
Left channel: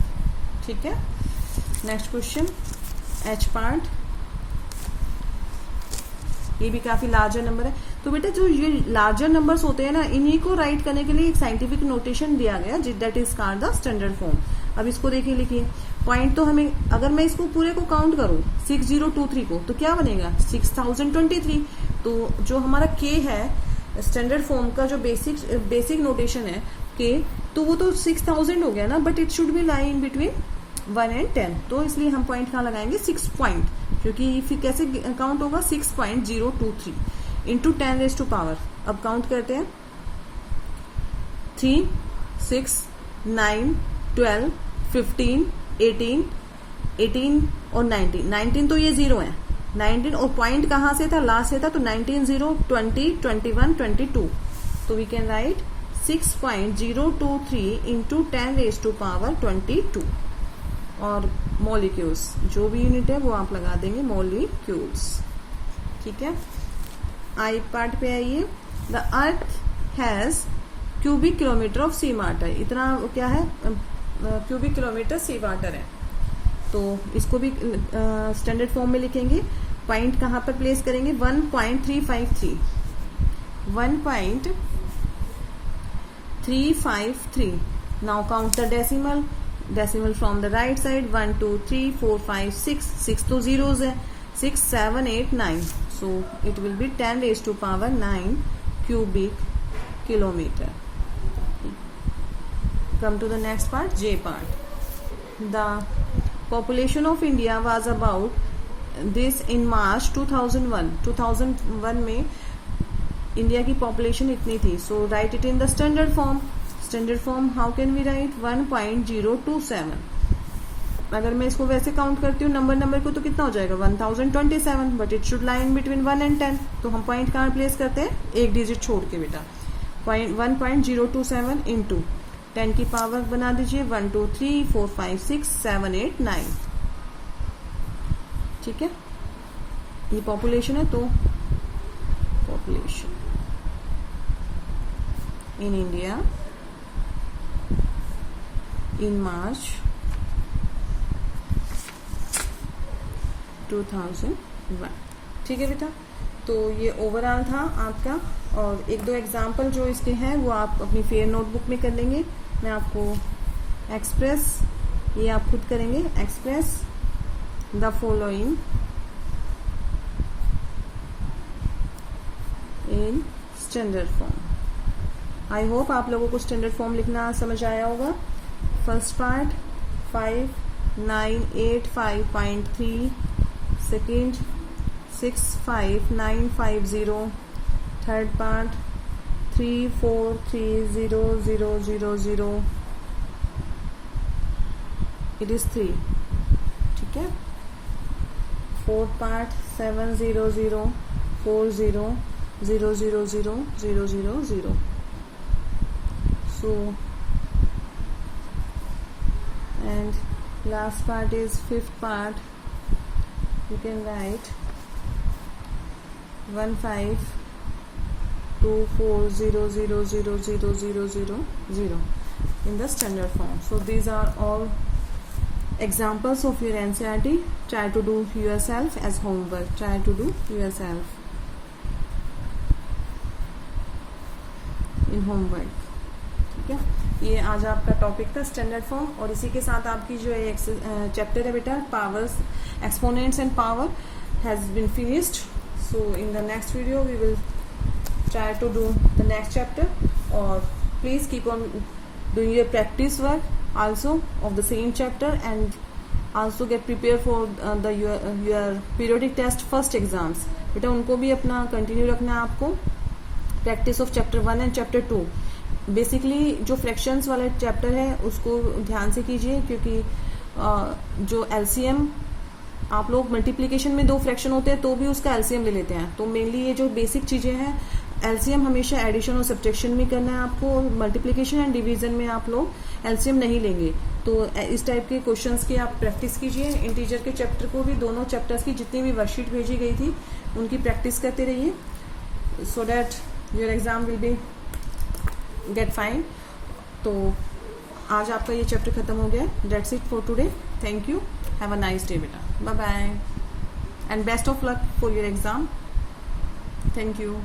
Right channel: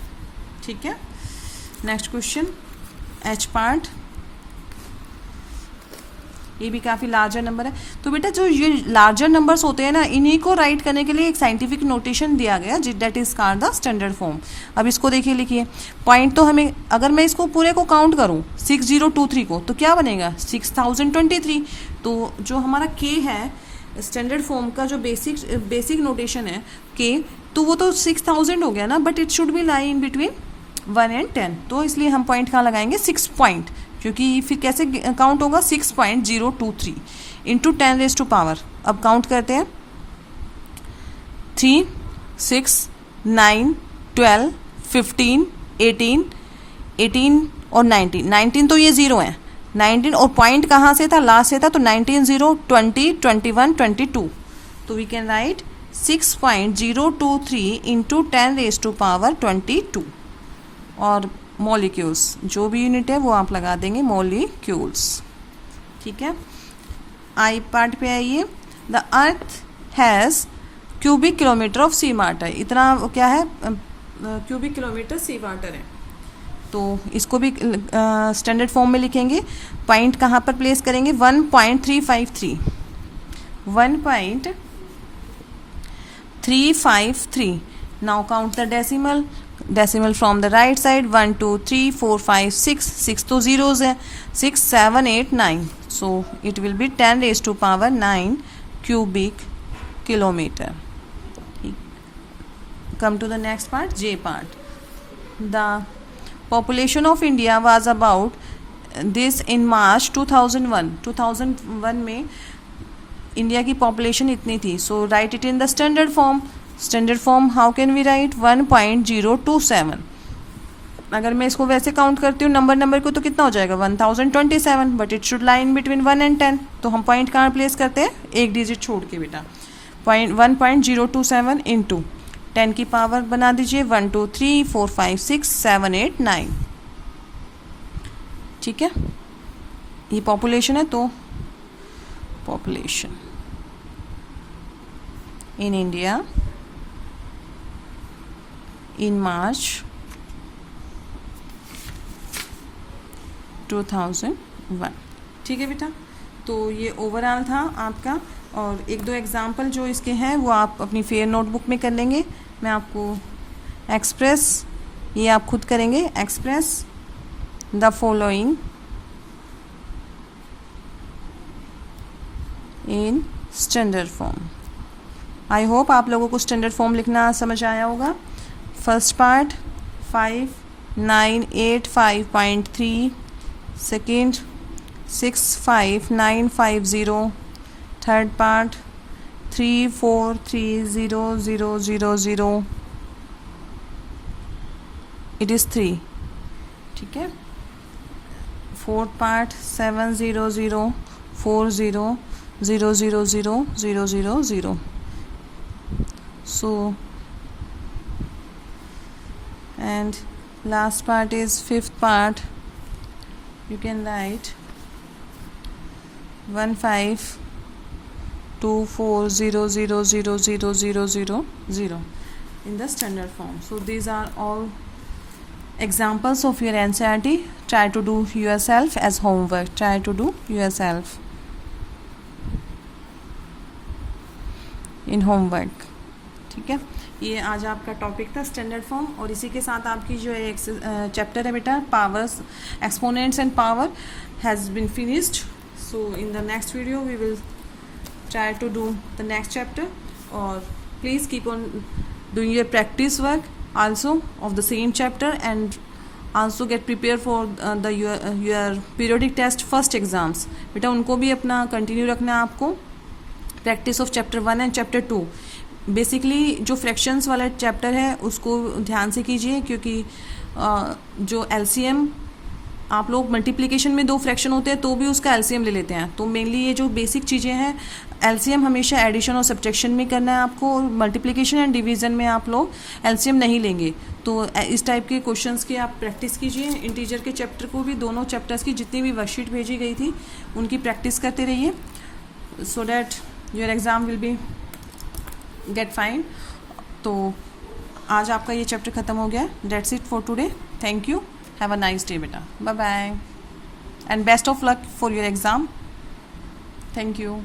ठीक है, नेक्स्ट क्वेश्चन एच पार्ट, ये भी काफ़ी लार्जर नंबर है। तो बेटा जो ये लार्जर नंबर्स होते हैं ना, इन्हीं को राइट करने के लिए एक साइंटिफिक नोटेशन दिया गया that is called the standard form. अब इसको देखिए, लिखिए पॉइंट, तो हमें अगर मैं इसको पूरे को काउंट करूँ 6023 को तो क्या बनेगा 6023। तो जो हमारा के है स्टैंडर्ड फॉर्म का जो बेसिक नोटेशन है के, तो वो तो 6000 हो गया ना, but it should be lie in between 1 and 10, तो इसलिए हम पॉइंट कहाँ लगाएंगे 6 पॉइंट, क्योंकि फिर कैसे काउंट होगा 6.023 इंटू 10⁻। अब काउंट करते हैं 3 6 9 12 15 18 और 19 तो ये ज़ीरो है, 19 और पॉइंट कहाँ से था लास्ट से था, तो 19 0 20 21 22, तो वी कैन राइट 6.023 इंटू 10⁻22। और मॉलिक्यूल्स जो भी यूनिट है वो आप लगा देंगे मॉलिक्यूल्स। ठीक है, आई पार्ट पे आइए। The earth has cubic kilometre of sea water, इतना क्या है क्यूबिक किलोमीटर सी वाटर है, तो इसको भी स्टैंडर्ड फॉर्म में लिखेंगे। पॉइंट कहाँ पर प्लेस करेंगे 1.353 1.353। Now count the decimal from the right side 1 2 3 4 5 6 तो जीरोज है 6 7 8 9, so it will be 10⁻9 cubic kilometre. Come to the next part, J part. The population of India was about this in March 2001 में India की population इतनी थी, so write it in the standard form. Standard form how can we write 1.027। अगर मैं इसको वैसे count करती हूँ नंबर को, तो कितना हो जाएगा 1027, but it should line between 1 and 10, तो हम पॉइंट कहाँ प्लेस करते हैं एक डिजिट छोड़ के बेटा, 1.027 इंटू 10 की पावर बना दीजिए 1 2 3 4 5 6 7 8 9। ठीक है, ये पॉपुलेशन है, तो population in India in March 2001। ठीक है बेटा, तो ये ओवरऑल था आपका, और एक दो एग्जाम्पल जो इसके हैं वो आप अपनी फेयर नोटबुक में कर लेंगे। मैं आपको एक्सप्रेस, ये आप खुद करेंगे, express the following in standard form. I hope आप लोगों को स्टैंडर्ड फॉर्म लिखना समझ आया होगा। First part 5985.3, second 65950, third part 343000, it is 3। ठीक है, fourth part 70040000000। So and last part is fifth part, you can write 152400000000 in the standard form. So these are all examples of your NCERT. Try to do yourself as homework. Try to do yourself in homework. ठीक है, ये आज आपका topic था standard form, और इसी के साथ आपकी जो एक चैप्टर है बेटा powers, exponents and power has been finished. So in the next video we will try to do the next chapter, or please keep on doing your practice work also of the same chapter, and also get prepared for your periodic test first exams. बेटा उनको भी अपना continue रखना है आपको. Practice of chapter 1 and chapter 2. Basically जो fractions वाला chapter है उसको ध्यान से कीजिए, क्योंकि जो एलसीएम आप लोग मल्टीप्लिकेशन में 2 फ्रैक्शन होते हैं तो भी उसका एलसीएम ले लेते हैं. तो मेनली ये जो बेसिक चीज़ें हैं, एलसीएम हमेशा एडिशन और सब्ट्रैक्शन में करना है आपको, और मल्टीप्लिकेशन एंड डिवीज़न में आप लोग एलसीएम नहीं लेंगे. तो इस टाइप के क्वेश्चंस की आप प्रैक्टिस कीजिए. इंटीजर के चैप्टर को भी, दोनों चैप्टर्स की जितनी भी वर्कशीट भेजी गई थी उनकी प्रैक्टिस करते रहिए, so that your exam will be get fine. तो आज आपका ये चैप्टर ख़त्म हो गया. That's it for today. Thank you. Have a nice day बेटा. Bye bye and best of luck for your exam. Thank you.